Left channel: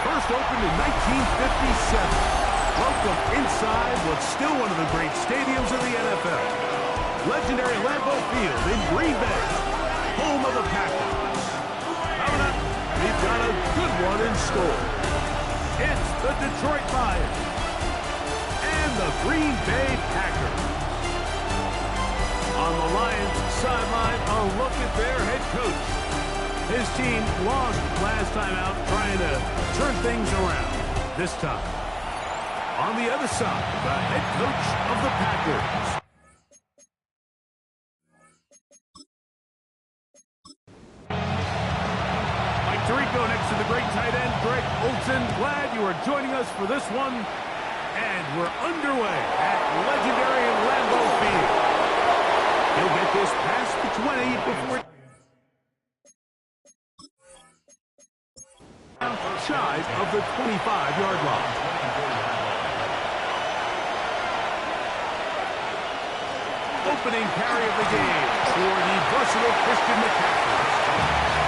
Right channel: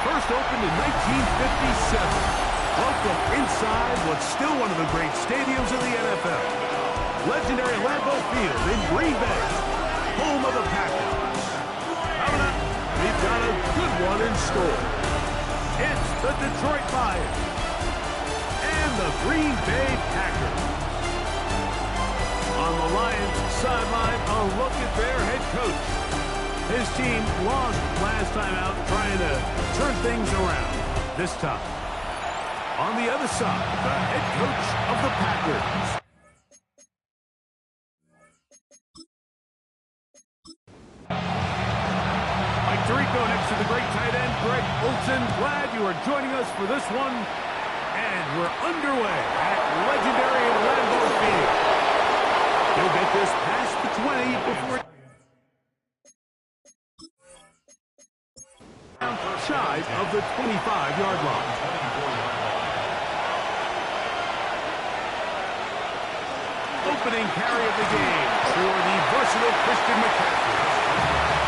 First opened in 1957. Welcome inside what's still one of the great stadiums in the NFL. Legendary Lambeau Field in Green Bay, home of the Packers. Coming up, we've got a good one in store. It's the Detroit Lions and the Green Bay Packers. On the Lions sideline, a look at their head coach. His team lost last time out, trying to turn things around. This time, on the other side, the head coach of the Packers. Mike Tirico next to the great tight end, Greg Olsen. Glad you are joining us for this one. And we're underway at legendary Lambeau Field. He'll get this past the 20 before shy of the 25-yard line. Opening carry of the game for the versatile Christian McCaffrey.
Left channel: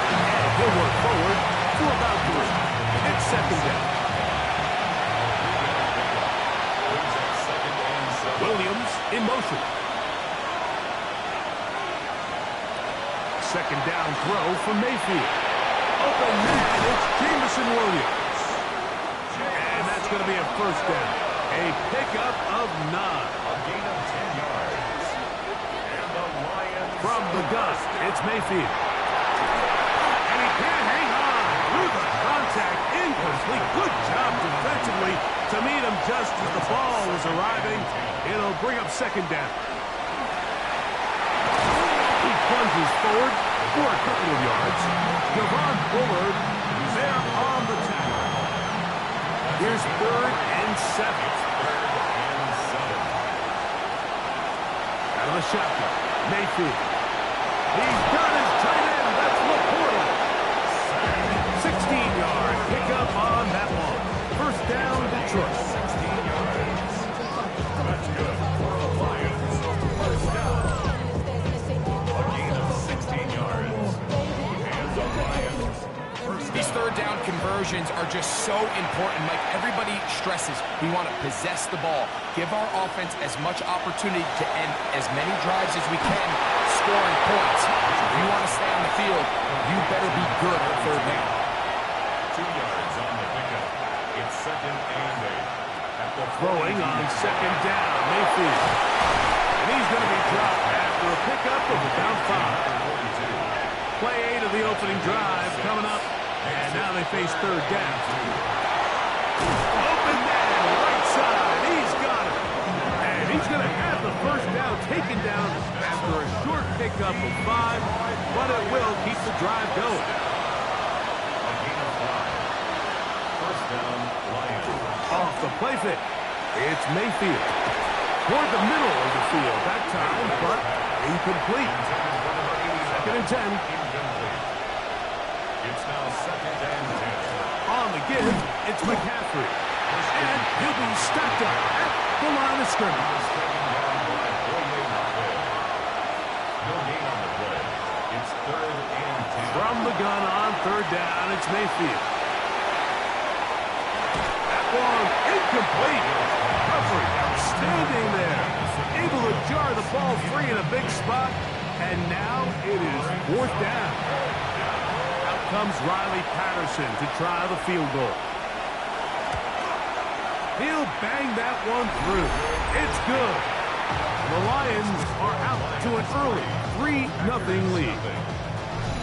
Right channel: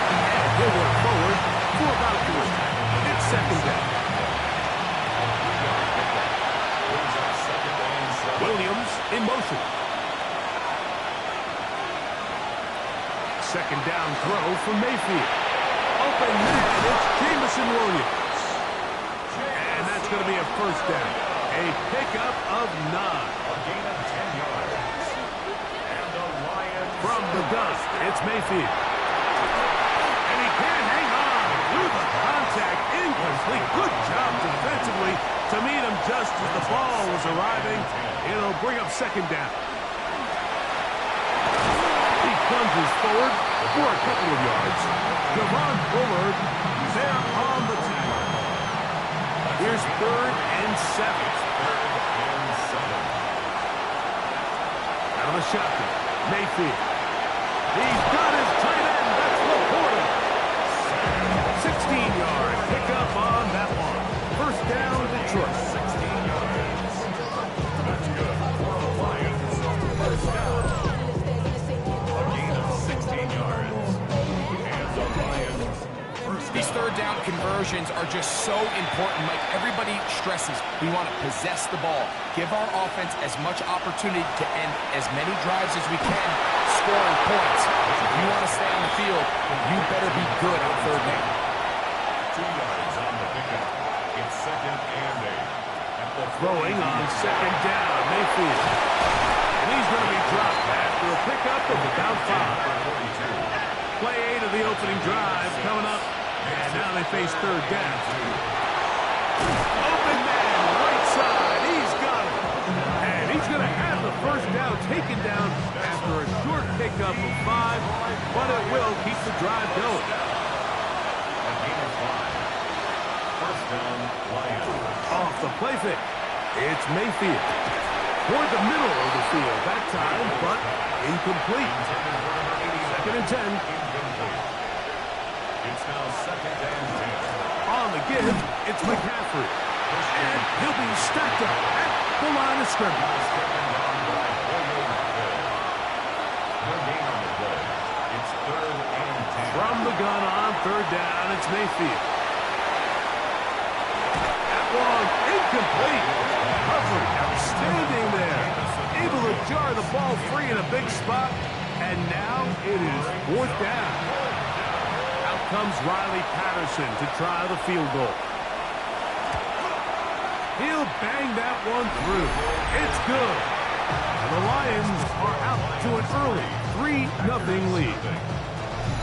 And he'll work forward for about 3. It's second down. Williams in motion. Second down throw for Mayfield. Open man, it's Jameson Williams. And that's going to be a first down. A pickup of 9. A gain of 10 yards. And the Lions from the dust, it's Mayfield. And he can't hang on through the contact. Incomplete. Good job defensively to meet him just as the ball was arriving. It'll bring up second down. He plunges forward for a couple of yards. Javon Bullard, there on the tackle. Here's 3rd and 7. Out of the shotgun, Mayfield. He's got his tight end. That's Laporta. 16-yard pickup on that one. First down, Detroit. 16 yards. That's good for the Lions. First down. A gain of 16 yards. And the Lions. These third down conversions are just so important, Mike. Everybody stresses we want to possess the ball, give our offense as much opportunity to end as many drives as we can, scoring points. If you want to stay on the field, you better be good on third down. 2 yards on the pickup. It's 2nd and 8. At the throwing on second down, Mayfield. And he's going to be dropped after a pickup of about 5. Play 8 of the opening drive coming up. And now they face third down. Open man, right side. He's got it. And he's going to have the first down taken down after a short pickup of 5. But it will keep the drive going. A gain of 5. First down, Lions. Off the play fake. It's Mayfield. Toward the middle of the field that time, but incomplete. 2nd and 10. It's now 2nd and 10. On the give, it's McCaffrey. And he'll be stacked up at the line of scrimmage. No gain on the play. It's 3rd and 10. From the gun on third down, it's Mayfield. That one incomplete. Coverage outstanding there. Able to jar the ball free in a big spot. And now it is 4th down. Out comes Riley Patterson to try the field goal. He'll bang that one through. It's good. And the Lions are out to an early 3-0 lead.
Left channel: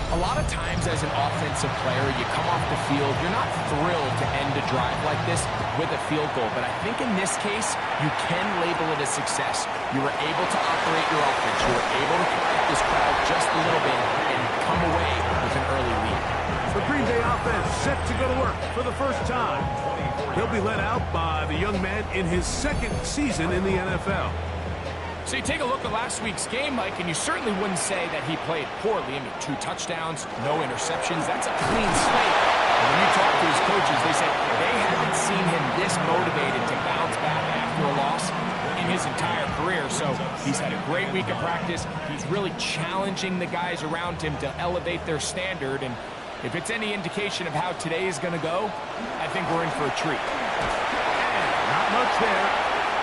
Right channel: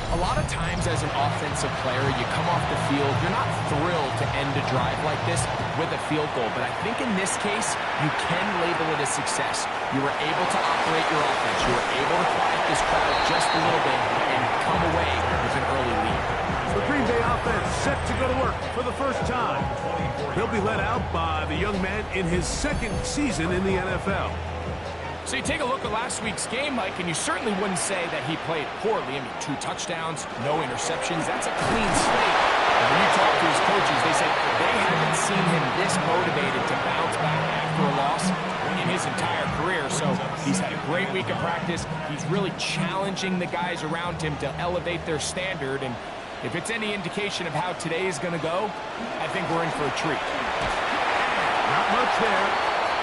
A lot of times as an offensive player, you come off the field, you're not thrilled to end a drive like this with a field goal. But I think in this case, you can label it a success. You were able to operate your offense. You were able to quiet this crowd just a little bit and come away with an early lead. The Green Bay offense set to go to work for the first time. He'll be led out by the young man in his 2nd season in the NFL. So you take a look at last week's game, Mike, and you certainly wouldn't say that he played poorly. I mean, 2 touchdowns, no interceptions. That's a clean slate. And when you talk to his coaches, they said they haven't seen him this motivated to bounce back after a loss in his entire career. So he's had a great week of practice. He's really challenging the guys around him to elevate their standard. And if it's any indication of how today is going to go, I think we're in for a treat. And not much there.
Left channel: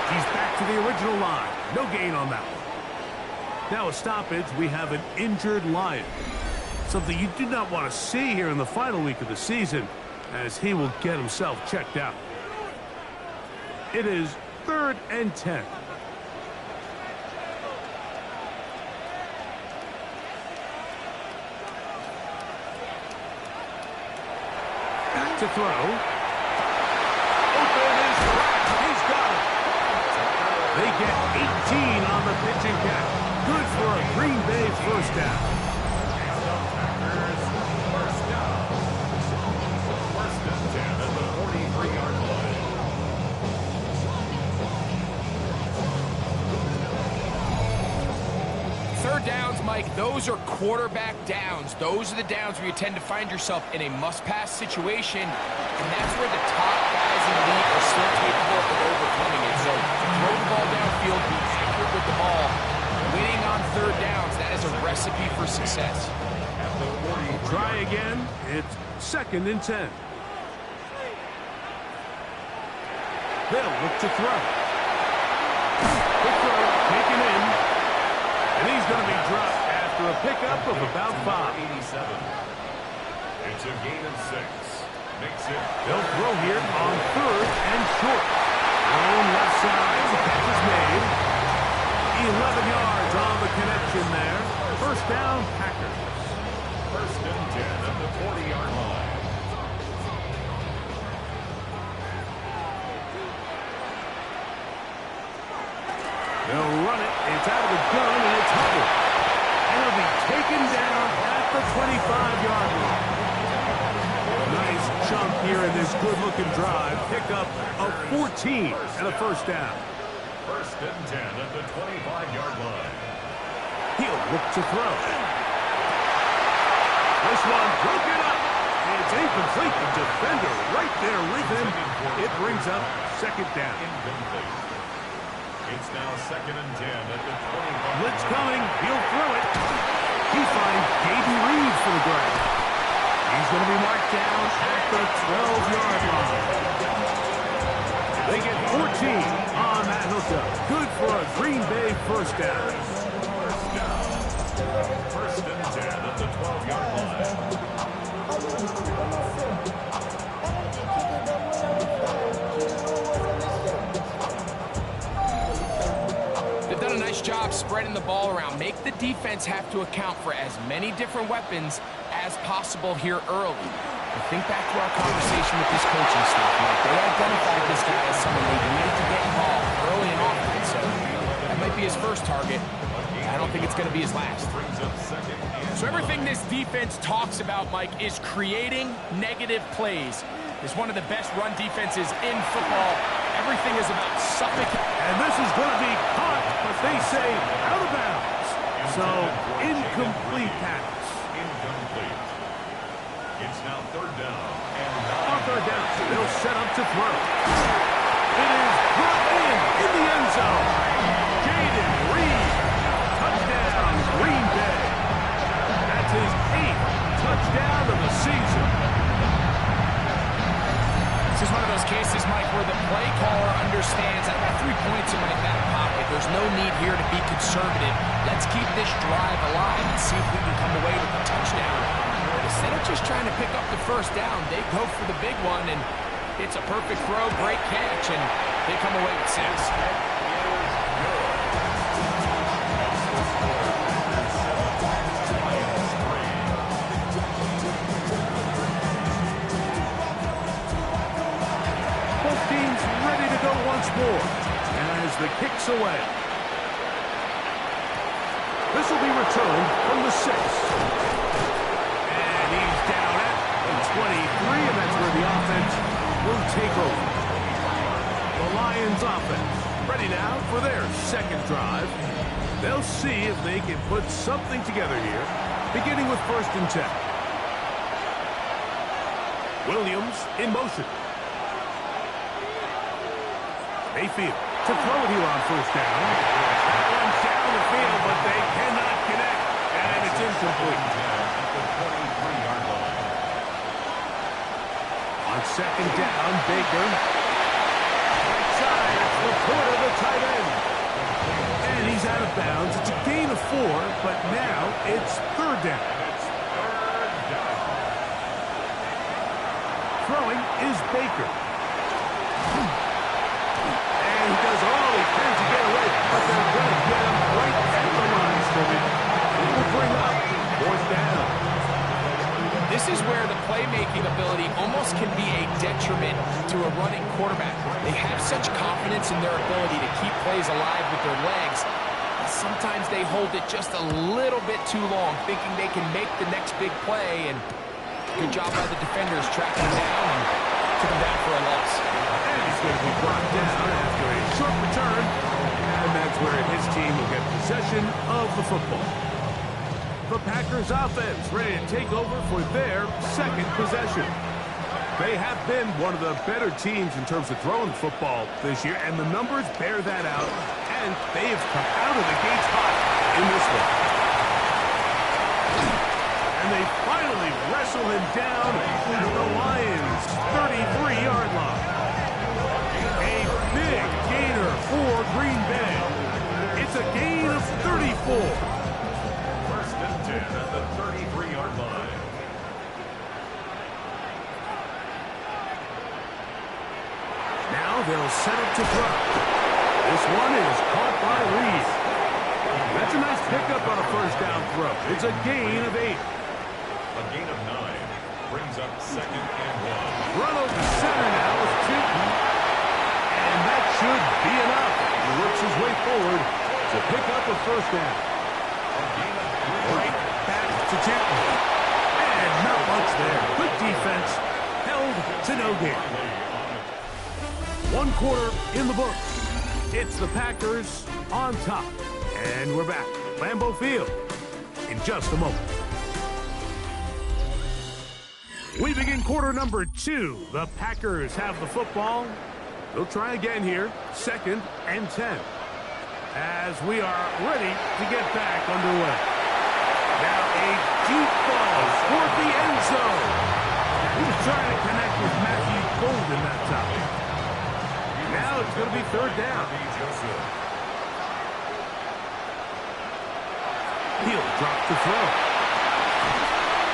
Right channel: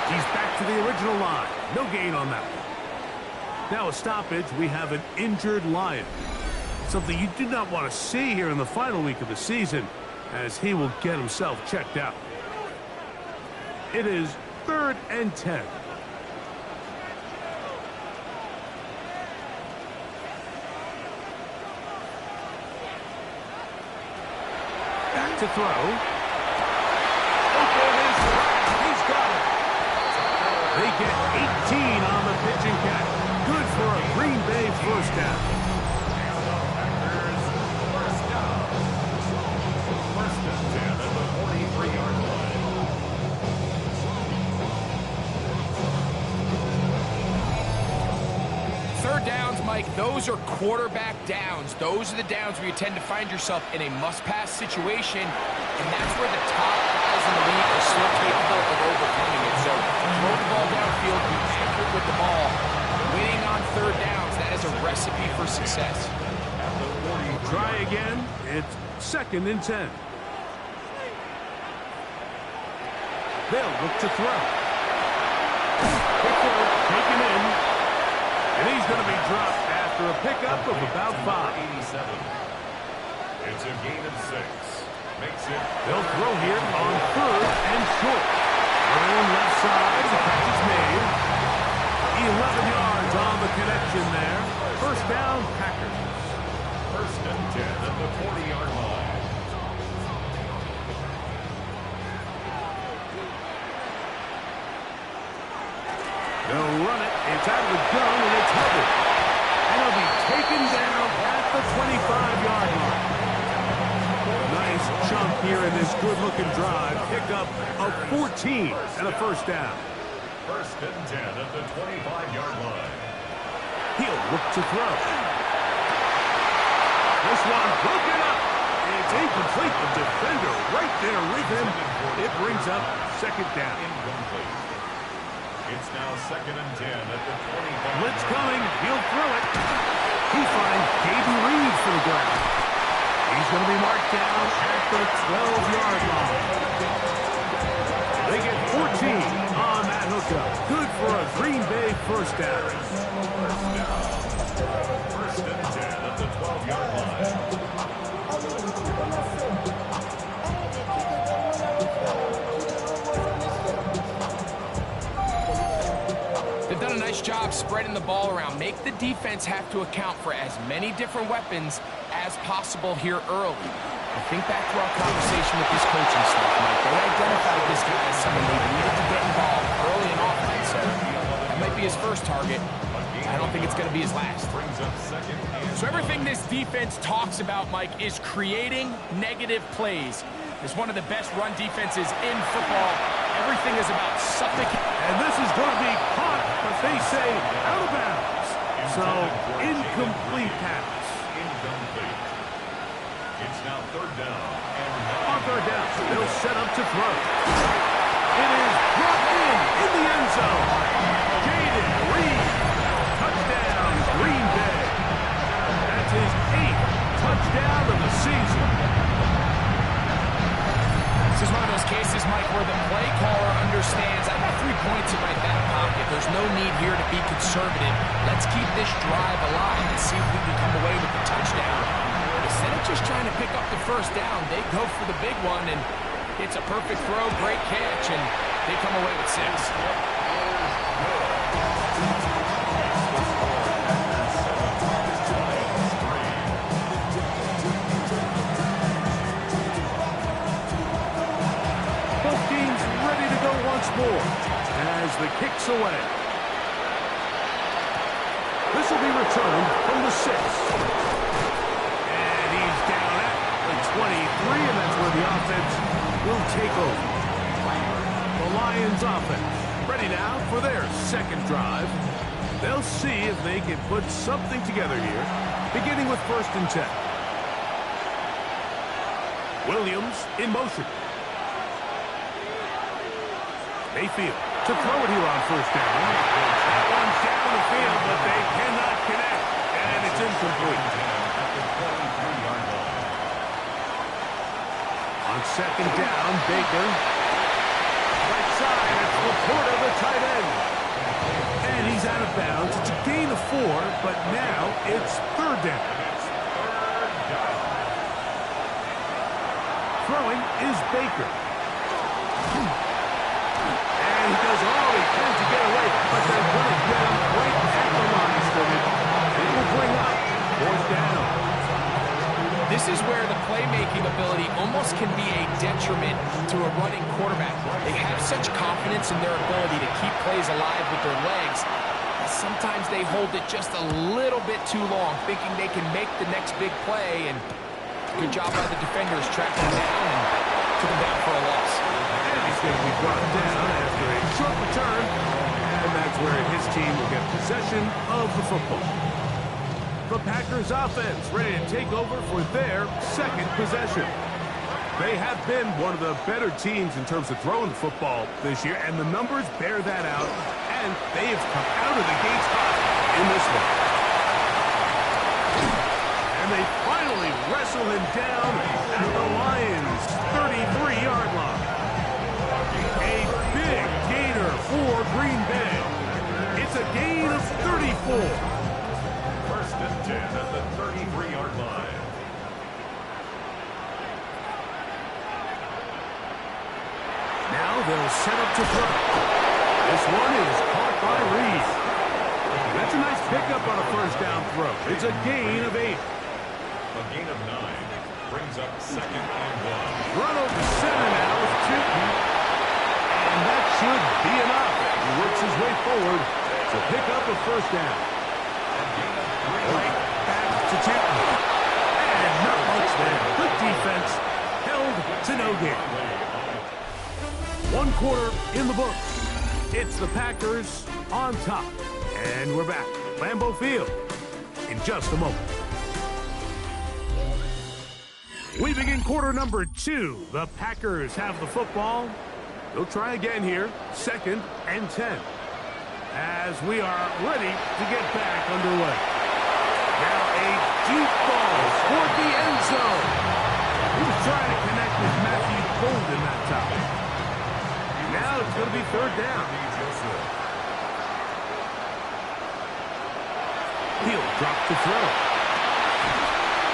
He's back to the original line. No gain on that one. Now a stoppage, we have an injured Lion. Something you do not want to see here in the final week of the season, as he will get himself checked out. It is 3rd and 10. Back to throw. Open is cracked. He's got it. They get 18 on the pitch and catch. Good for a Green Bay first down. First down. First and 10 at the 43-yard line. Third downs, Mike, those are quarterback downs. Those are the downs where you tend to find yourself in a must-pass situation, and that's where the top guys in the league are still capable of overcoming it. So throw the ball downfield, be accurate with the ball. Winning on third downs, that is a recipe for success. Try again. It's 2nd and 10. They'll look to throw. Quick throw, taken in. And he's going to be dropped after a pickup of about 5. 87. It's a gain of 6. Makes it. They'll throw here on 3rd and short. Thrown left side. The catch is made. 11 yards on the connection there. First down, Packers. First and 10 at the 40-yard line. They'll run it. It's out of the gun, and it's Hubbard. And he'll be taken down at the 25-yard line. Nice chunk here in this good-looking drive. Pickup of 14 and a first down. First and 10 at the 25-yard line. He'll look to throw. This one broken up. It's incomplete. The defender right there with him. It brings up second down. Incomplete. It's now 2nd and 10 at the 25. Blitz coming. He'll throw it. He finds Gaden Reed for the grab. He's going to be marked down at the 12-yard line. They get 14 on that hookup. Good for a Green Bay first down. First down. First and 10 at the 12-yard line. They've done a nice job spreading the ball around. Make the defense have to account for as many different weapons as possible here early. And think back to our conversation with this coaching staff, Mike. They identified this guy as someone they needed to get involved early in offense. So that might be his first target. I don't think it's going to be his last. So everything this defense talks about, Mike, is creating negative plays. It's one of the best run defenses in football. Everything is about suffocating. And this is going to be caught, but they say out of bounds. So incomplete pass. Incomplete. It's now 3rd down and 9. On 3rd down, they'll set up to throw. It is brought in the end zone. Gaden Reed. Touchdown, Green Bay. That's his 8th touchdown of the season. This is one of those cases, Mike, where the play caller understands, I've got 3 points in my back pocket. There's no need here to be conservative. Let's keep this drive alive and see if we can come away with a touchdown. But instead of just trying to pick up the first down, they go for the big one, and it's a perfect throw, great catch, and they come away with 6. Both teams ready to go once more as the kick's away. This will be returned from the 6. And he's down at the 23, and that's where the offense will take over. The Lions offense ready now for their second drive. They'll see if they can put something together here, beginning with 1st and 10. Williams in motion. Mayfield to throw it here on first down. That one's down the field, but they cannot connect, and it's incomplete. At the 23-yard line. On second down, Baker. Right side, it's Laporta, the tight end. And he's out of bounds. It's a gain of 4, but now it's third down. Throwing is Baker. And he does all he can to get away, but they're going to get him right at the line of scrimmage. And it will bring up fourth down. This is where the playmaking ability almost can be a detriment to a running quarterback. They have such confidence in their ability to keep plays alive with their legs. Sometimes they hold it just a little bit too long, thinking they can make the next big play, and good job by the defenders tracking him down and took him down for a loss. And he's going to be brought down after a short return, and that's where his team will get possession of the football. The Packers offense ready to take over for their second possession. They have been one of the better teams in terms of throwing the football this year, and the numbers bear that out, and they have come out of the gates hot in this one. And they finally wrestle him down at the Lions' 33-yard line. A big gainer for Green Bay. It's a gain of 34. First and 10 at the 33-yard line. Now they'll set up to throw. This one is caught by Reed. That's a nice pickup on a first down throw. It's a gain of 8. A gain of 9 brings up second and 1. Run over center now with Tootin. And that should be enough. He works his way forward to pick up a first down. A gain of 3. Right back to Tootin. And not much there. Good defense. Held to no gain. 1 quarter in the books. It's the Packers on top. And we're back. Lambeau Field in just a moment. We begin quarter number 2. The Packers have the football. They'll try again here. 2nd and 10. As we are ready to get back underway. Now a deep ball toward the end zone. He was trying to connect with Matthew Golden that time. Now it's going to be third down. He'll drop to throw.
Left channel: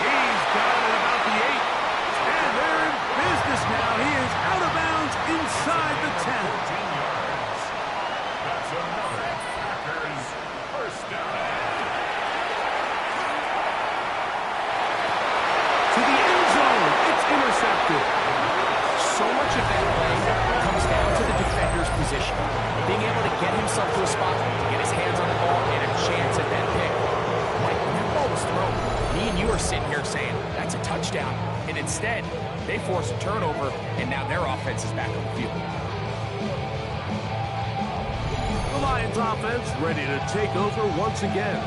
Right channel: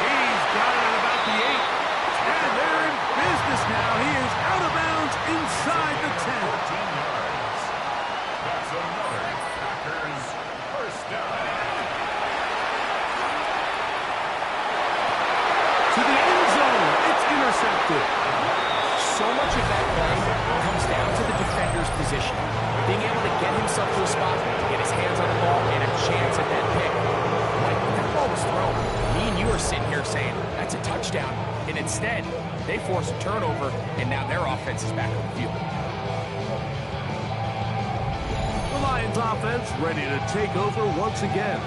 He's got it at about the 8. And they're in business now. He is out of bounds inside the 10. 14 yards. That's another Packers first down. To the end zone. It's intercepted. So much of that play comes down to the defender's position. Being able to get himself to a spot, to get his hands on the ball, and a chance at that pick. Like, when that ball was thrown, me and you are sitting here saying, that's a touchdown. And instead, they force a turnover, and now their offense is back on the field. The Lions offense ready to take over once again.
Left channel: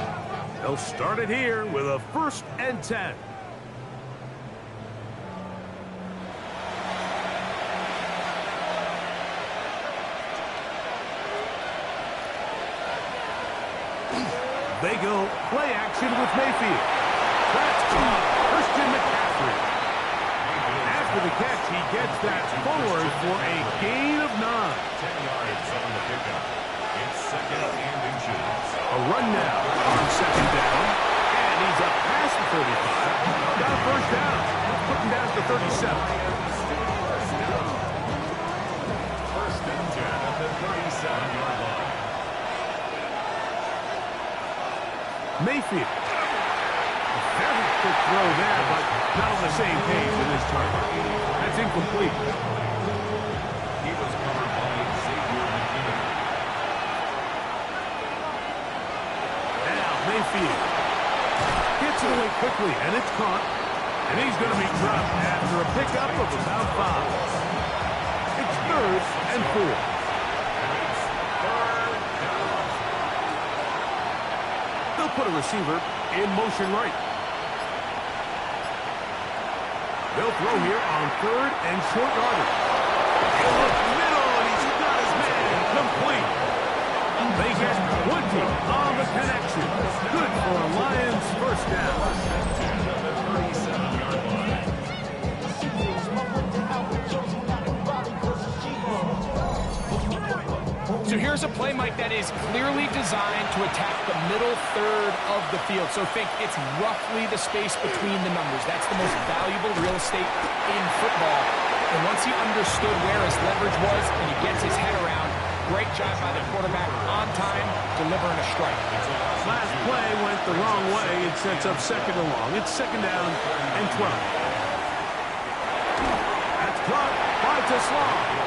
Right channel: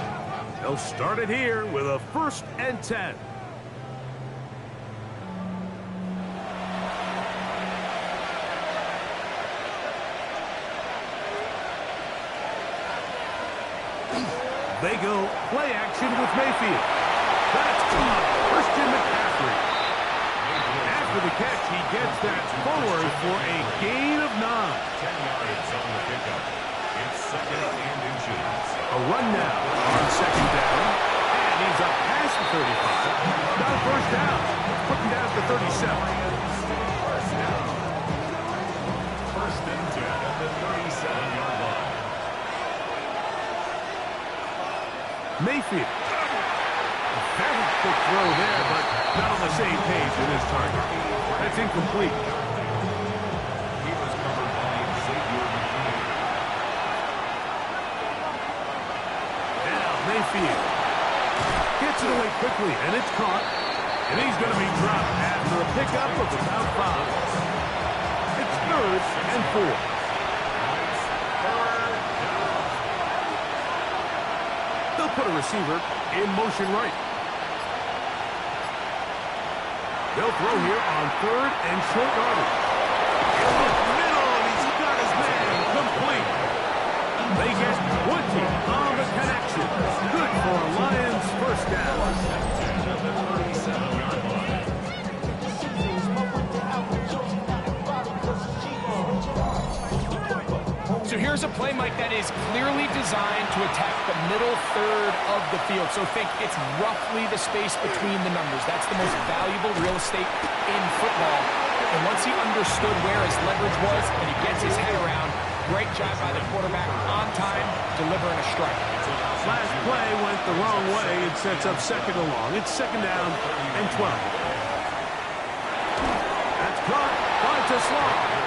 They'll start it here with a 1st and 10. They go play action with Mayfield. That's caught. Christian McCaffrey. After the catch, he gets that forward for a gain of 9. 10 yards on the pickup. It's 2nd and inches. A run now on 2nd down. And he's up past the 35. Got a first down. Put him down to 37. First down. 1st and 10 at the 37-yard line. Mayfield. A very quick throw there, but not on the same page in this target. That's incomplete. He was covered by Xavier McKinney. Now Mayfield gets it away quickly, and it's caught. And he's going to be dropped after a pickup of about 5. It's 3rd and 4. They'll put a receiver in motion right. They'll throw here on 3rd and short yardage. He'll look middle, and he's got his man complete. They get 20 on the connection. Good for a Lions first down. At the 37-yard line. So here's a play, Mike, that is clearly designed to attack the middle third of the field. So think it's roughly the space between the numbers. That's the most valuable real estate in football. And once he understood where his leverage was and he gets his head around, great job by the quarterback on time, delivering a strike. Last play went the wrong way. It sets up 2nd and long. It's 2nd down and 12. That's caught by Teslam.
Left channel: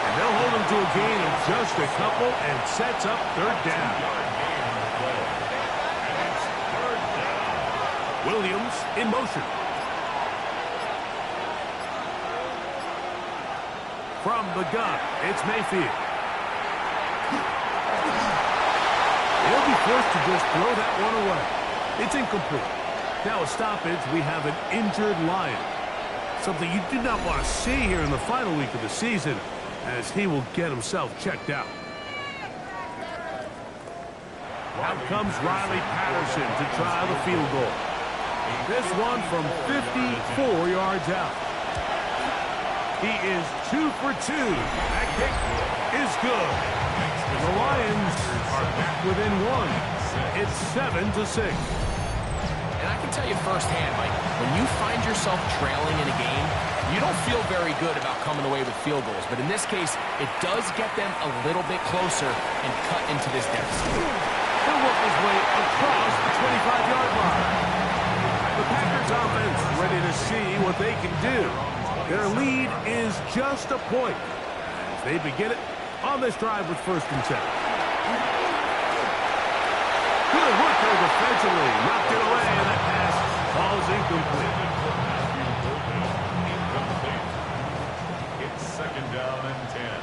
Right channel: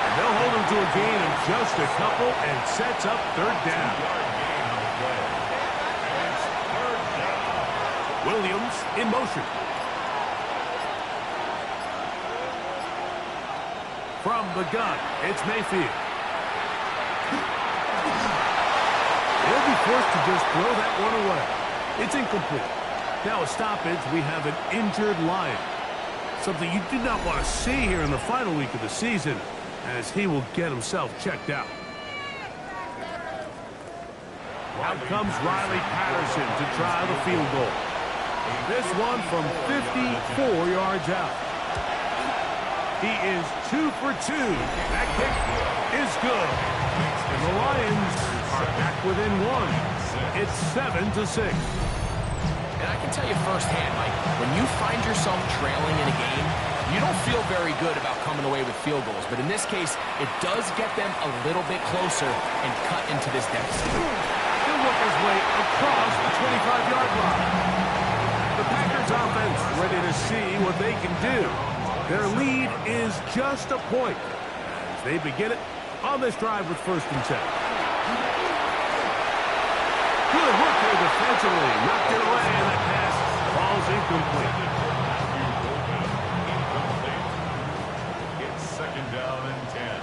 And they'll hold him to a gain of just a couple and sets up 3rd down. Williams in motion. From the gun, it's Mayfield. He'll be forced to just throw that one away. It's incomplete. Now a stoppage, we have an injured Lion. Something you do not want to see here in the final week of the season, as he will get himself checked out. Out comes Riley Patterson to try the field goal. This one from 54 yards out. He is 2 for 2. That kick is good. And the Lions are back within 1. It's 7-6. And I can tell you firsthand, Mike, when you find yourself trailing in a game, you don't feel very good about coming away with field goals. But in this case, it does get them a little bit closer and cut into this deficit. He'll work his way across the 25-yard line. The Packers offense ready to see what they can do. Their lead is just a point as they begin it on this drive with 1st and 10. Good work there defensively. Knocked it away, and that pass falls incomplete. It's 2nd down and 10.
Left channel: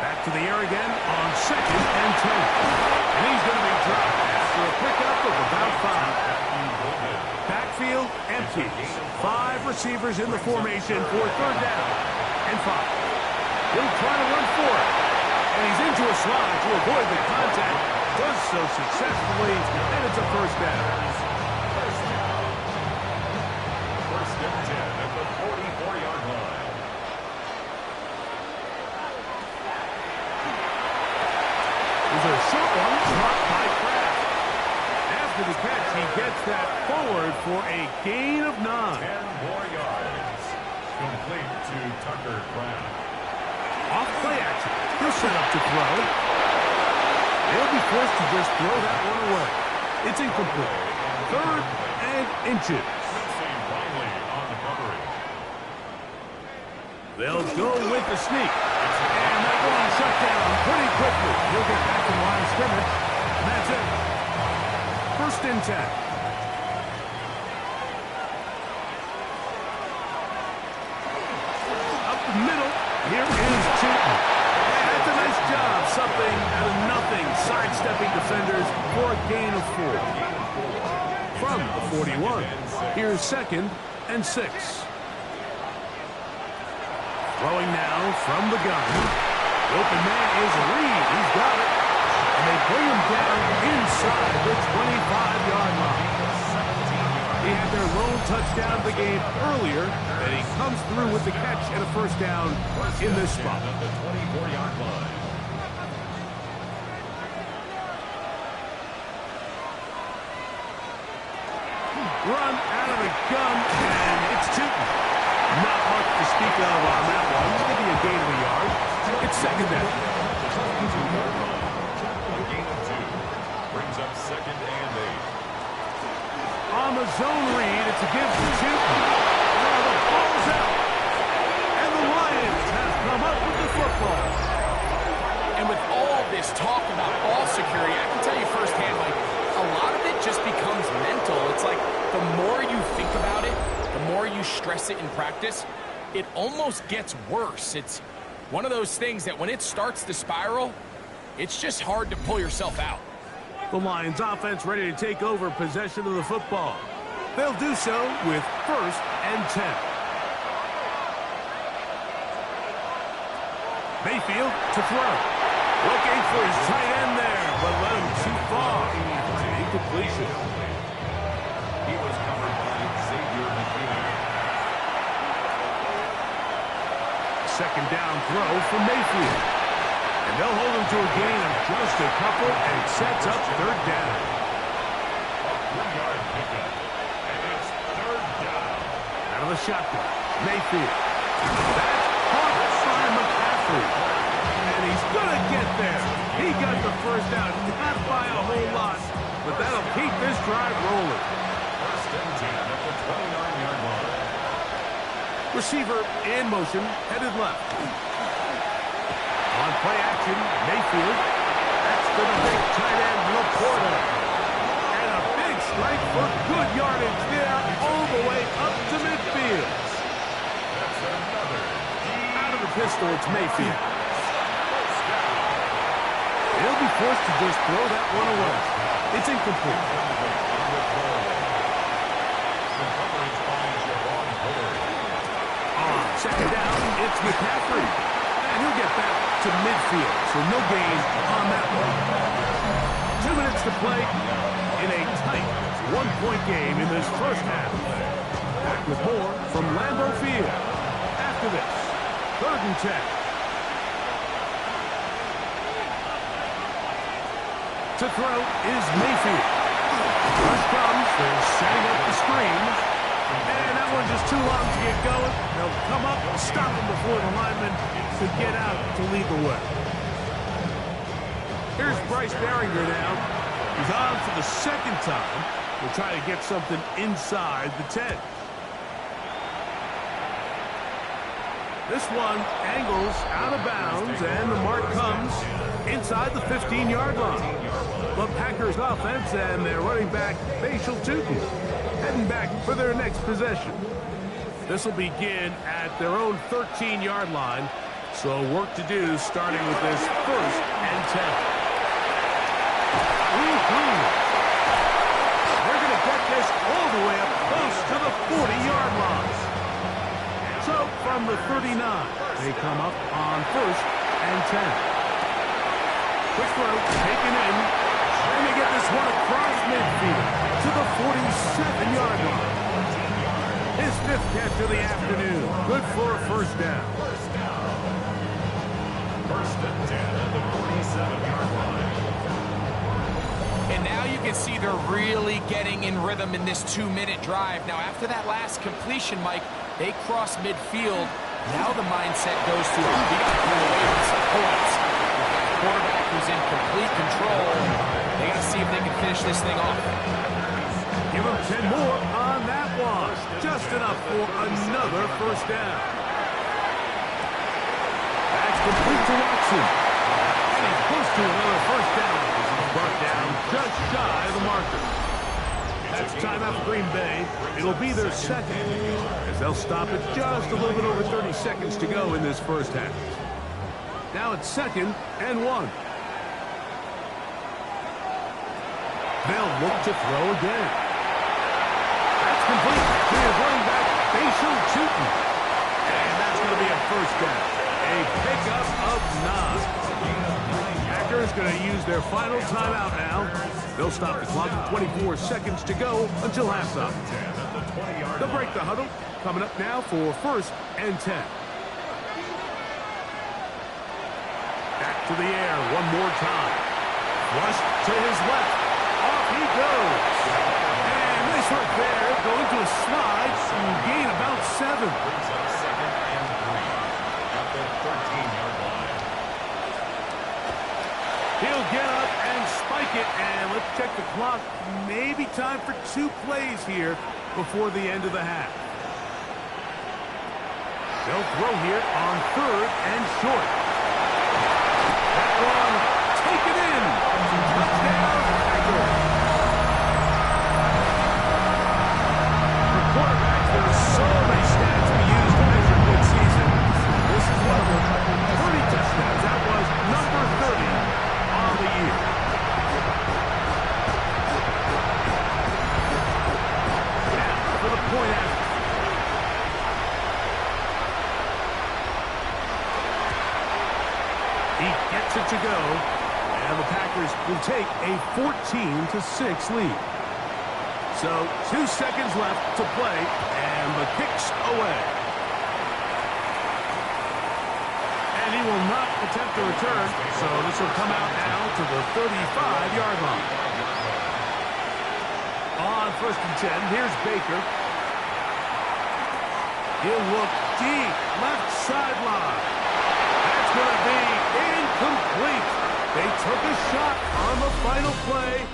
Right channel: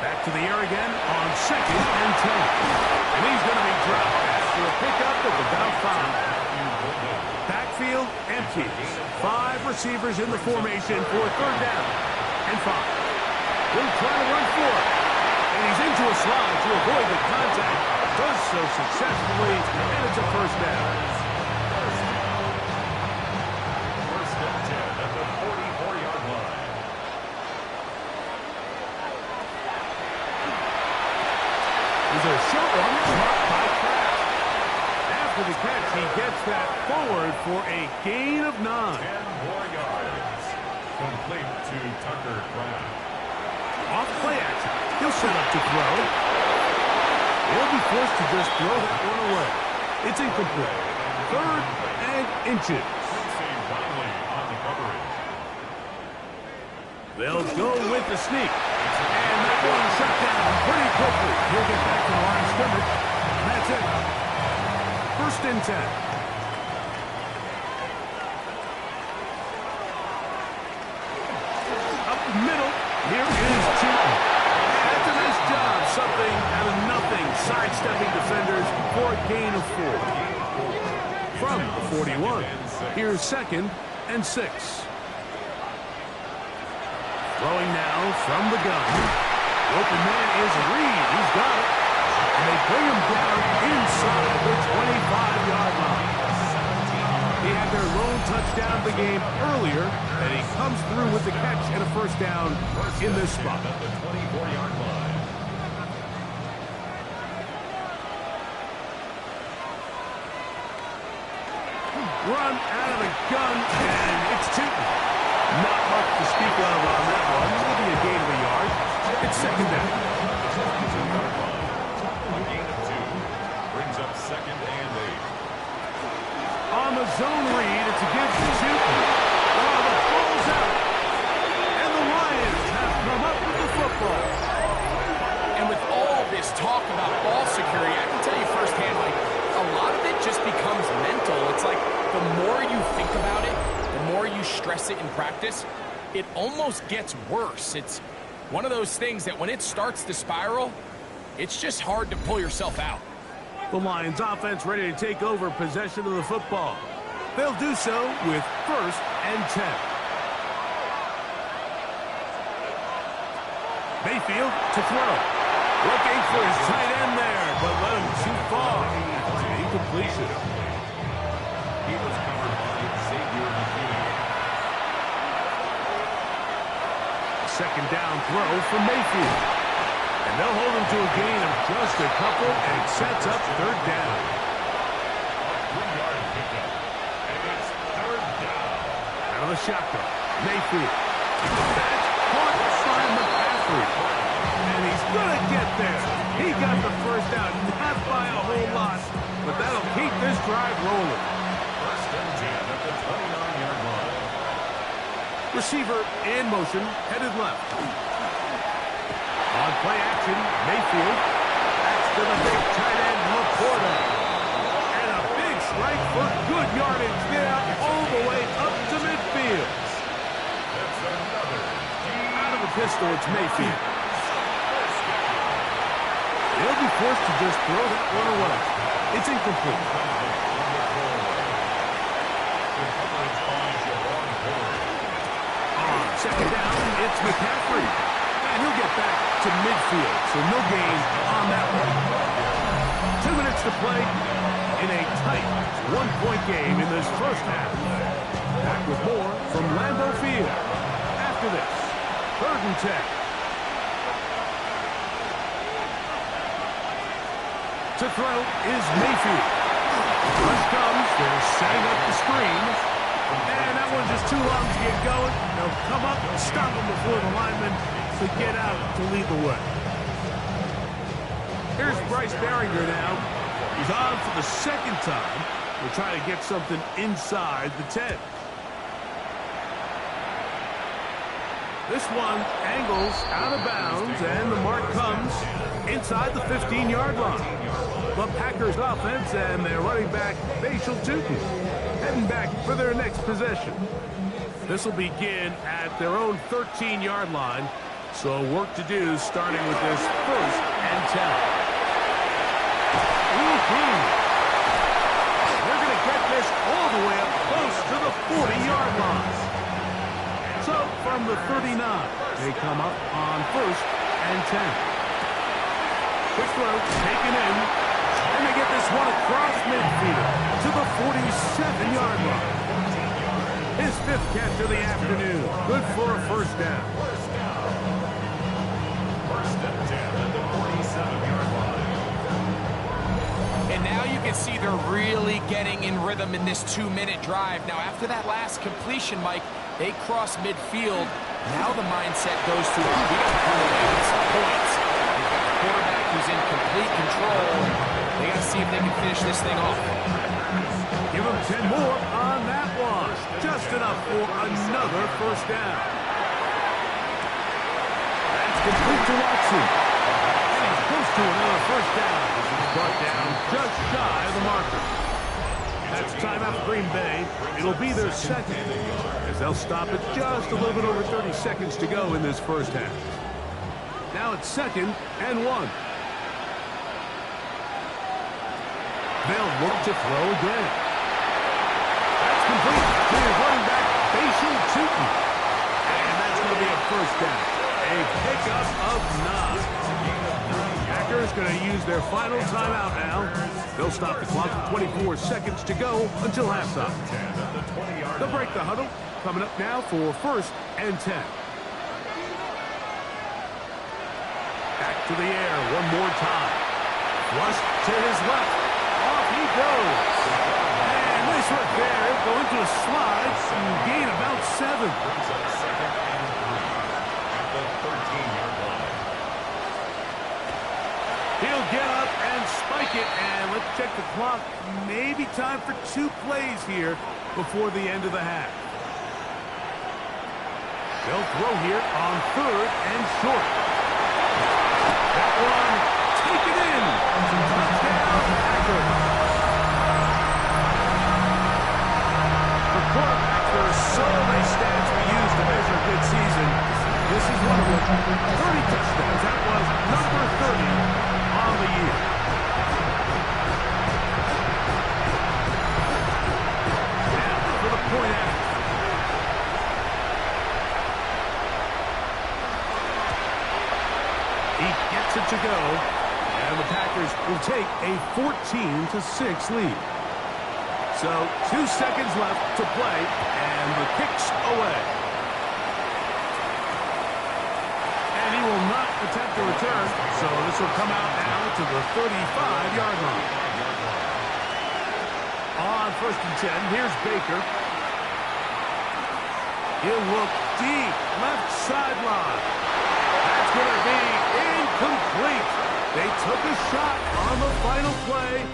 Back to the air again on 2nd and 10. And he's going to be dropped after a pickup of about 5. Backfield empty. 5 receivers in the formation for 3rd down and 5. He'll try to run for it. And he's into a slot to avoid the contact. Does so successfully, and it's a 1st down. 1st and 10 at the 44-yard line. There's a short one marked by Kraft. After the catch, he gets that forward for a gain of 9. 10 more yards. Complete to Tucker Kraft. Off play action. He'll set up to throw. He'll be forced to just throw that one away. It's incomplete. 3rd and inches. Riley on the coverage. They'll go with the sneak. And that one shut down pretty quickly. He'll get back to the line of scrimmage. And that's it. 1st and 10. Up the middle. Here is Chilton. That's a nice job. Something out of nothing. Sidestepping defenders for a gain of 4. From the 41. Here's 2nd and 6. Throwing now from the gun. The open man is Reed. He's got it. And they bring him down inside the 25-yard line. He had their lone touchdown of the game earlier, and he comes through with the catch and a 1st down in this spot. At the 24-yard line. Run out of the gun, and it's Tootin. Not much to speak of on that one. It's going to be a gain of a yard. It's 2nd down. The 22-yard line. A gain of 2. Brings up 2nd and 8. On the zone read, it's a give to Tootin. Oh, the ball's out. And the Lions have come up with the football. And with all this talk about ball security, I can tell you firsthand, Mike, a lot of it just becomes mental. It's like the more you think about it, the more you stress it in practice, it almost gets worse. It's one of those things that when it starts to spiral, it's just hard to pull yourself out. The Lions offense ready to take over possession of the football. They'll do so with 1st and 10. Mayfield to throw. Looking for his tight end there, but let him too far. It's an incompletion. He was covered by Xavier McKinney. Second down throw for Mayfield. And they'll hold him to a gain of just a couple, and it sets up 3rd down. A 3-yard pickup. And it's 3rd down. Out of the shotgun, Mayfield. That's caught by McCaffrey. And he's going to get there. He got the first down, not by a whole lot, but that'll keep this drive rolling. 1st and 10 at the 29-yard line. Receiver in motion, headed left. On play action, Mayfield. That's to the big tight end, Laporta. And a big strike for good yardage there, all the way up to midfield. That's another. Out of the pistol, it's Mayfield. He'll be forced to just throw that one away. It's incomplete. On 2nd down, it's McCaffrey. And he'll get back to midfield, so no gain on that one. 2 minutes to play in a tight 1-point game in this first half. Back with more from Lambeau Field. After this, 3rd and 10. To throw is Mayfield. Rush comes, they're setting up the screen. And that one's just too long to get going. They'll come up and stop him before the lineman to get out to lead the way. Here's Bryce Berringer now. He's on for the 2nd time. We'll try to get something inside the 10. This one angles out of bounds, and the mark comes inside the 15-yard line. The Packers offense and their running back, Facial Tootin, heading back for their next possession. This will begin at their own 13-yard line, so work to do starting with this 1st and 10. They're going to get this all the way up close to the 40-yard line. So from the 39, they come up on 1st and 10. Quick throw, taken in, and they get this one across midfield to the 47-yard line. His 5th catch of the afternoon. Good for a 1st down. 1st and 10 at the 47-yard line. And now you can see they're really getting in rhythm in this 2-minute drive. Now, after that last completion, Mike, they cross midfield. Now the mindset goes to, we got to pull away with some points. We've got a quarterback who's in complete control. They got to see if they can finish this thing off. Give them 10 more on that one. Just enough for another 1st down. That's complete to Watson. And he's close to another 1st down. He's brought down just shy of the marker. That's timeout for Green Bay. It'll be their 2nd, as they'll stop it just a little bit over 30 seconds to go in this first half. Now it's 2nd and 1. They'll look to throw again. That's complete to his running back, Facial Tootin. And that's going to be a 1st down. A pickup of 9. Packers going to use their final timeout now. They'll stop the clock with 24 seconds to go until halftime. They'll break the huddle. Coming up now for 1st and 10. Back to the air one more time. Flush to his left. Off he goes. And nice work there. Going to a slide and gain about 7. Brings up 2nd and 3 at the 13-yard line. He'll get up and spike it, and let's check the clock. Maybe time for 2 plays here before the end of the half. They'll throw here on 3rd and short. That one taken in. Touchdown, Packers. For quarterbacks, there are so many stats we use to measure a good season. This is one of them. 30 touchdowns. That was number 30 on the year. He gets it to go, and the Packers will take a 14-6 lead. So 2 seconds left to play, and the kick's away. And he will not attempt to return, so this will come out now to the 35-yard line. On 1st and 10, here's Baker. He'll look deep, left sideline. That's going to be incomplete. They took a shot on the final play.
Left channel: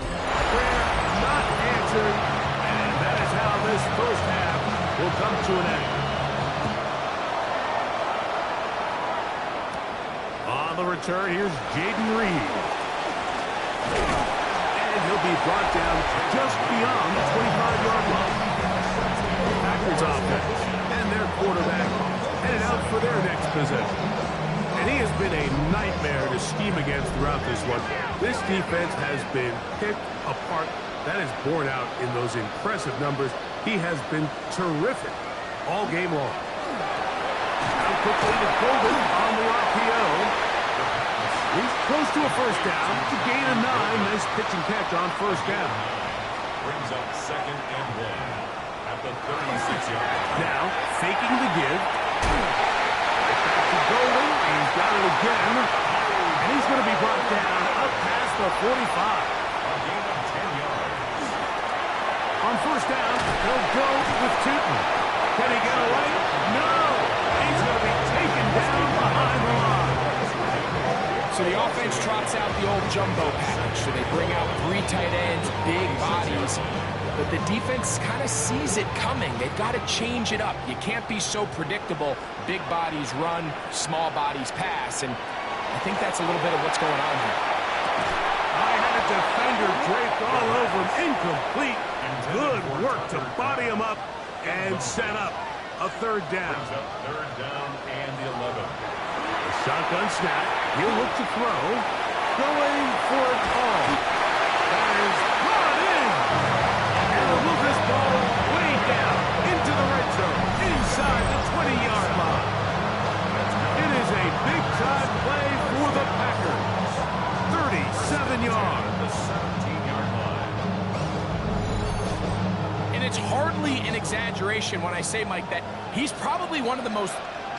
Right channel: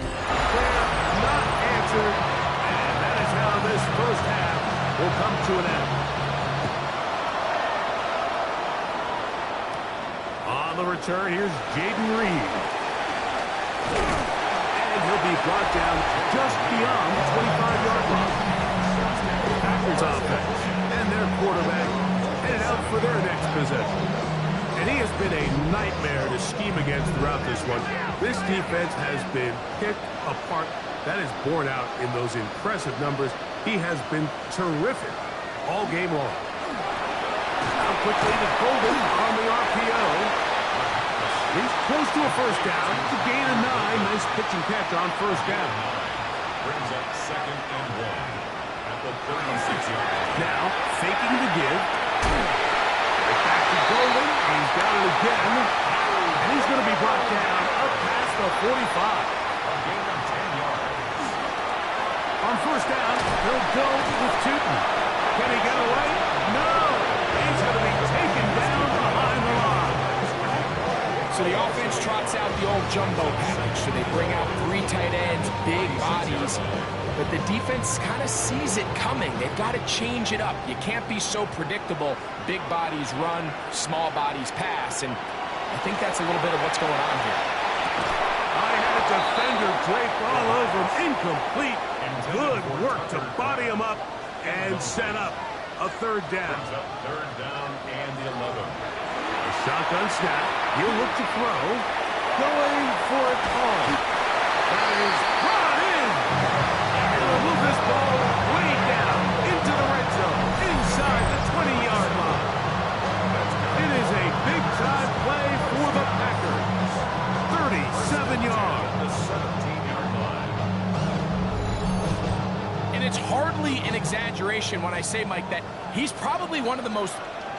Prayer not answered. And that is how this first half will come to an end. On the return, here's Jaden Reed. And he'll be brought down just beyond the 25-yard line. Packers offense and their quarterback headed out for their next possession. And he has been a nightmare to scheme against throughout this one. This defense has been picked apart. That is borne out in those impressive numbers. He has been terrific all game long. Now quickly to Golden on the RPO. He's close to a first down. To gain a 9. Nice pitch and catch on first down. Brings up 2nd and 1 at the 36-yard line. Now faking the give. Right back to Golden. He's got it again. And he's going to be brought down up past the 45. A gain of 10 yards. On first down, they'll go with Tootin. Can he get away? No! He's going to be taken down behind the line. So the offense trots out the old jumbo package. So they bring out 3 tight ends, big bodies. But the defense kind of sees it coming. They've got to change it up. You can't be so predictable. Big bodies run, small bodies pass. And I think that's a little bit of what's going on here. I had a defender draped all over him. Incomplete. Good work to body him up and set up a 3rd down. Brings up 3rd down and 11. A shotgun snap. He'll look to throw. Going for it all. That is brought in. And he'll move this ball way down into the red zone. Inside the 20-yard line. It is a big-time play for the Packers. 37 yards. The 17-yard line. And it's hardly an exaggeration when I say, Mike, that he's probably one of the most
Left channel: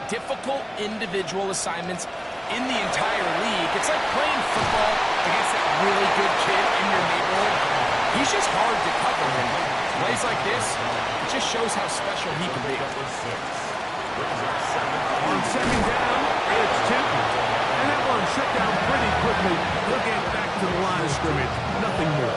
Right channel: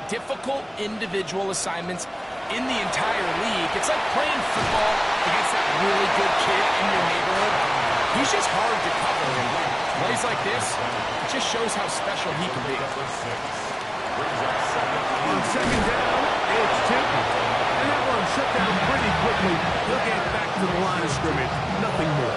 difficult individual assignments in the entire league. It's like playing football against that really good kid in your neighborhood. He's just hard to cover, and plays like this, it just shows how special he can be. On 2nd down, it's Tootin. And that one shut down pretty quickly. He'll get back to the line of scrimmage. Nothing more.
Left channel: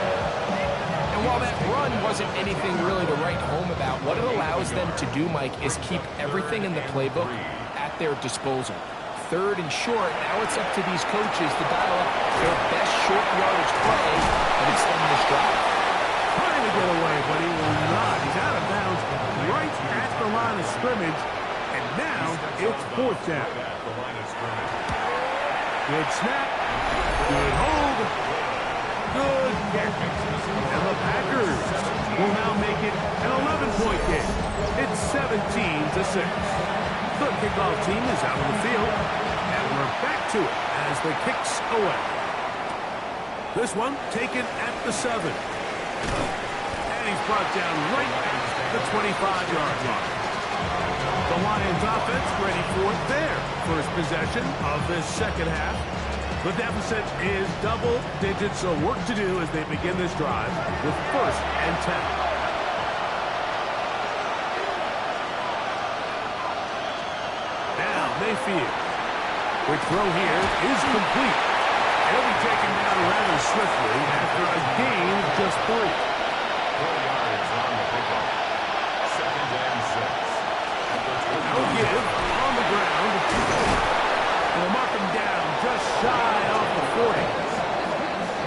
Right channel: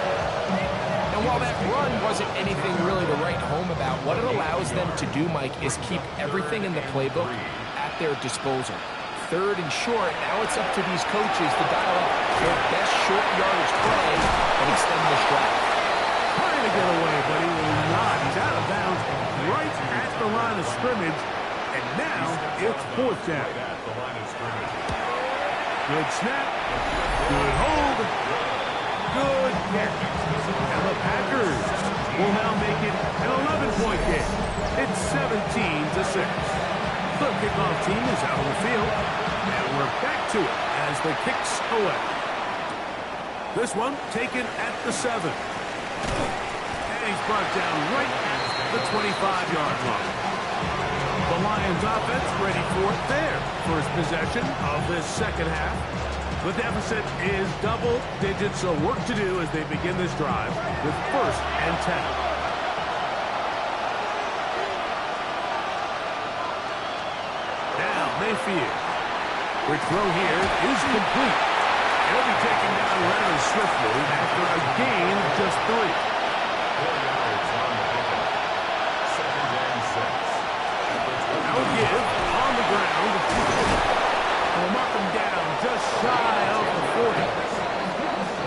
And while that run wasn't anything really to write home about, what it allows them to do, Mike, is keep everything in the playbook at their disposal. 3rd and short, now it's up to these coaches to dial up their best short yardage play and extend this drive. Trying to get away, but he will not. He's out of bounds right at the line of scrimmage. And now it's 4th down. Good snap. Good hold. Good catch. And the Packers will now make it an 11-point game. It's 17-6. The kickoff team is out on the field. And we're back to it as the kick's away. This one taken at the 7. And he's brought down right at the 25-yard line. The Lions offense ready for their first possession of this second half. The deficit is double digits, so work to do as they begin this drive with 1st and 10. Now Mayfield. Quick throw here is complete. He'll be taken down rather swiftly after a gain of just 3. 4 yards on the pickup. 2nd and 6. Now give on the ground. And we'll mark him down just shy of the 40.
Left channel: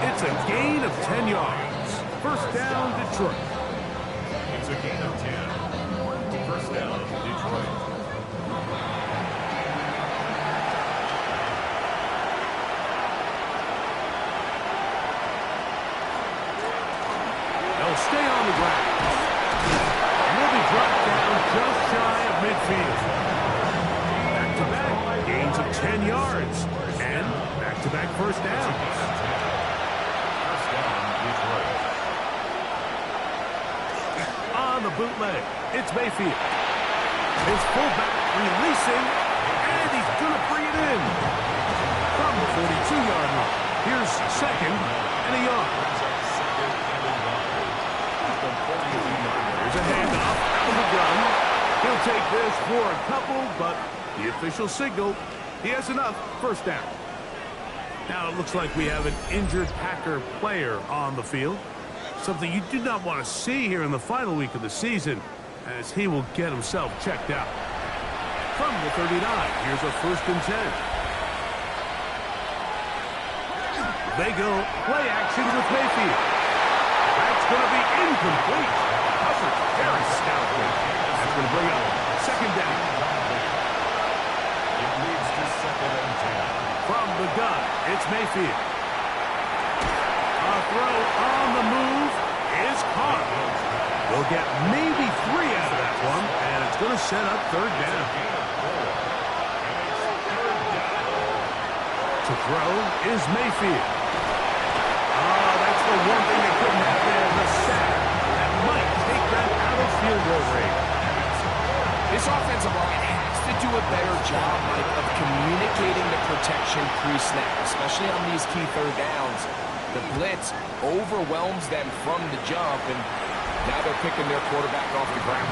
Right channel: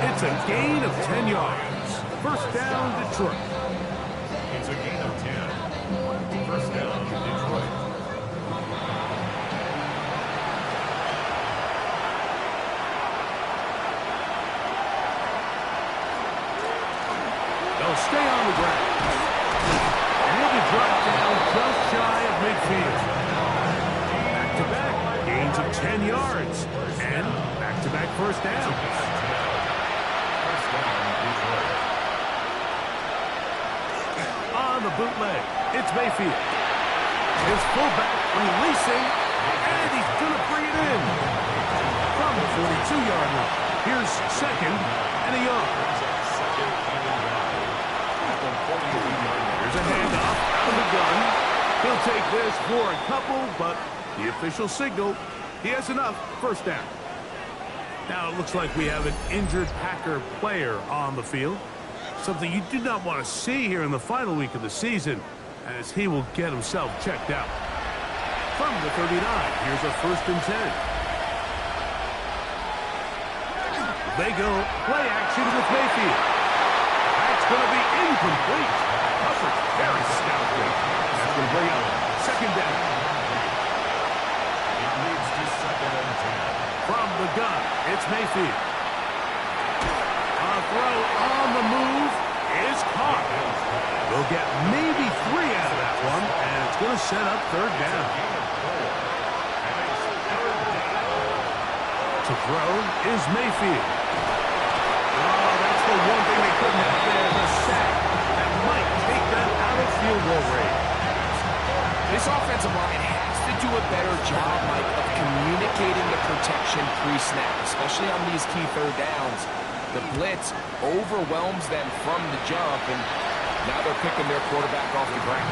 It's a gain of 10 yards. 1st down, Detroit. It's a gain of 10. 1st down, Detroit. They'll stay on the ground. And he'll be brought down just shy of midfield. Back-to-back Gains of 10 yards. And back-to-back first down. First down is right. On the bootleg, it's Mayfield. His fullback releasing, and he's going to bring it in. From the 42-yard line. Here's second and a yard. Here's a handoff out of the gun. He'll take this for a couple, but the official signal, he has enough. First down. Now it looks like we have an injured Packer player on the field. Something you do not want to see here in the final week of the season, as he will get himself checked out. From the 39, here's a 1st and 10. They go play action with Mayfield. That's going to be incomplete. Coverage very stoutly. That's going to bring up second down. It leads to 2nd and 10. From the gun, it's Mayfield. A throw on the move is caught. We'll get maybe 3 out of that one, and it's going to set up third down. To throw is Mayfield. Oh, that's the one thing they couldn't have there, the sack. That might take them out of field goal range. This offensive line has to do a better job, Mike, of communicating the protection pre-snap, especially on these key third downs. The blitz overwhelms them from the jump, and now they're picking their quarterback off the ground.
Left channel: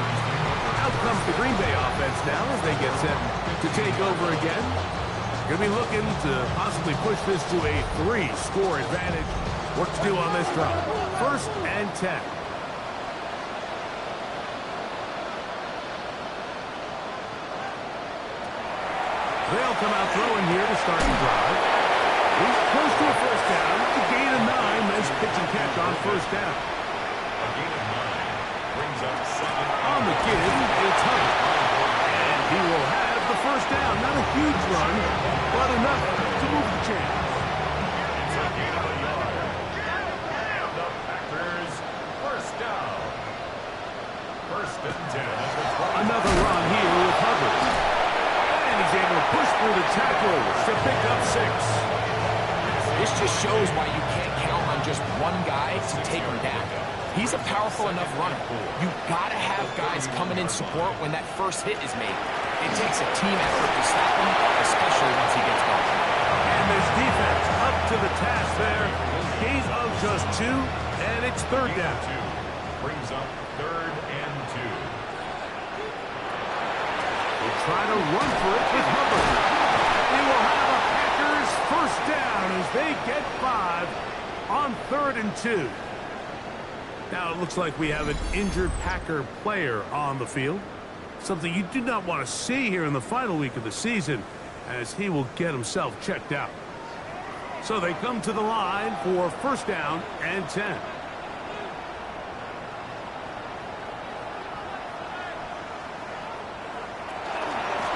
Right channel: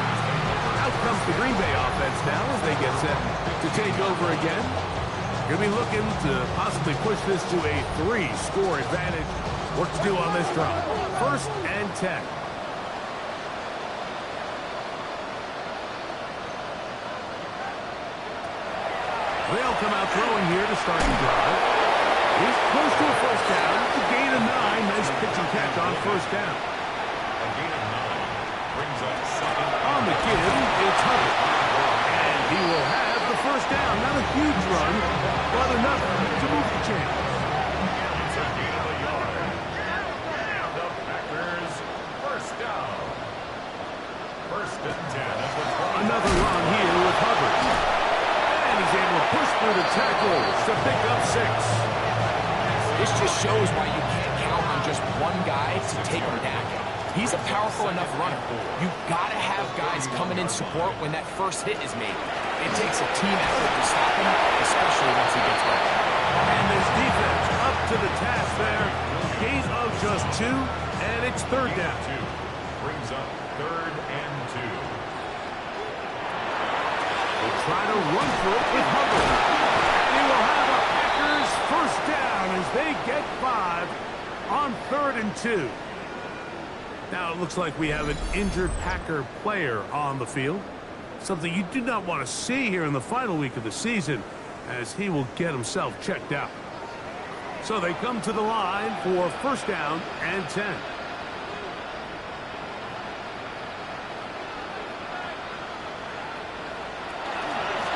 Out comes the Green Bay offense now as they get set to take over again. Going to be looking to possibly push this to a 3-score advantage. Work to do on this drive. 1st and 10. They'll come out throwing here to start the drive. He's close to a first down. A gain of 9. Nice pitch and catch on first down. A gain of 9 brings up 2nd. On the give, it's Hubbard. And he will have the first down. Not a huge run, but enough to move the chains. It's a gain of a yard. And the Packers first down. 1st and 10 at the 20. Another run here with Hubbard. And he's able to push through the tackles to pick up 6. This just shows why you can't count on just one guy to take him down. He's a powerful enough runner. You've got to have guys coming in support when that first hit is made. It takes a team effort to stop him, especially once he gets going. And this defense up to the task there. Gain of just 2, and it's third down. 2 brings up 3rd and 2. They'll try to run for it with Hubbard. And he will have a Packers first down as they get 5 on 3rd and 2. Now it looks like we have an injured Packer player on the field. Something you do not want to see here in the final week of the season, as he will get himself checked out. So they come to the line for first down and 10.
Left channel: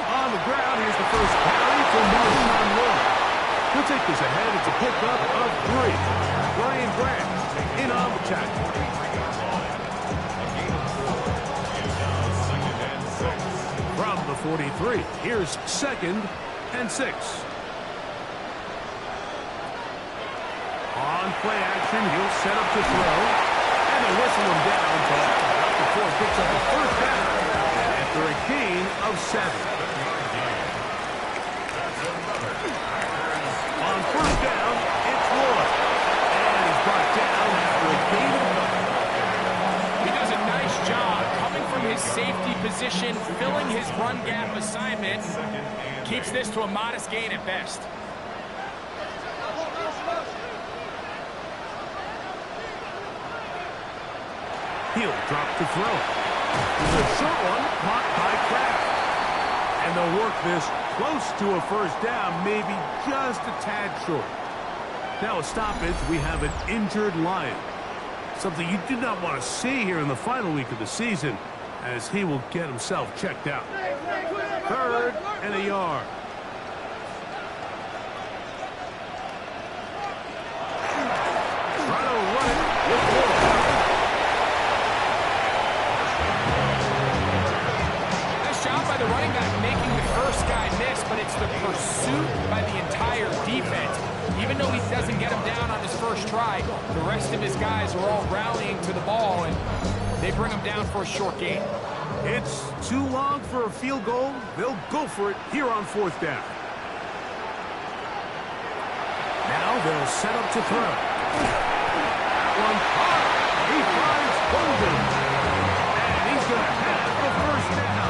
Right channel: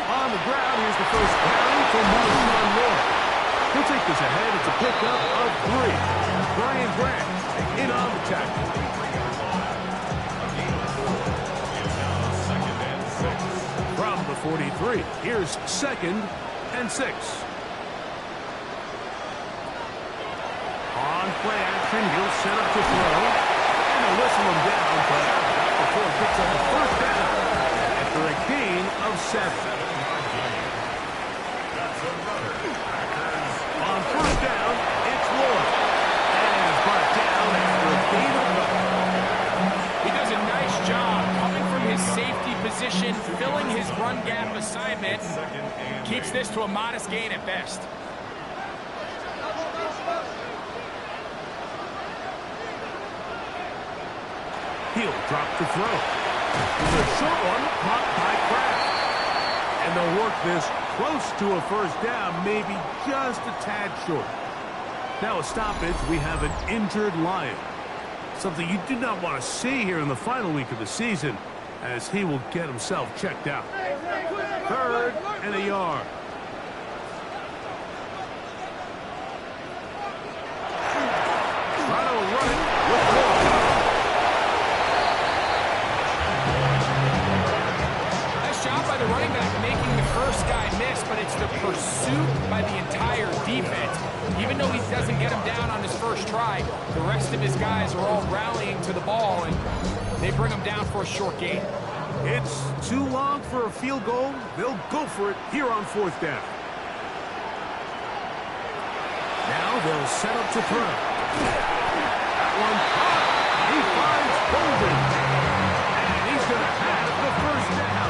On the ground, here's the first carry for Marshawn Lloyd. He'll take this ahead. It's a pickup of 3. Brian Grant in on the tackle. A gain of 4. It's now 2nd and 6. From the 43, here's 2nd and 6. On play action, he'll set up to throw. And they'll whistle him down, but not before he picks up a first down after a gain of 7. 7-yard gain. That's another Packers. On first down, it's Lloyd. And he's brought down after a gain of 9. He does a nice job coming from his safety position, filling his run gap assignment, and keeps this to a modest gain at best. He'll drop to throw. There's a short one caught by Kraft. And they'll work this close to a first down, maybe just a tad short. Now a stoppage, we have an injured Lion. Something you do not want to see here in the final week of the season, as he will get himself checked out. 3rd and a yard. Try to run it with Lloyd. Nice job by by the running back making the first guy miss, but it's the pursuit by the entire defense. Even though he doesn't get him down on his first try, the rest of his guys are all rallying to the ball, and they bring him down for a short gain. It's too long for a field goal. They'll go for it here on 4th down. Now they'll set up to throw. That one caught. He finds Golden. And he's going to have the first down.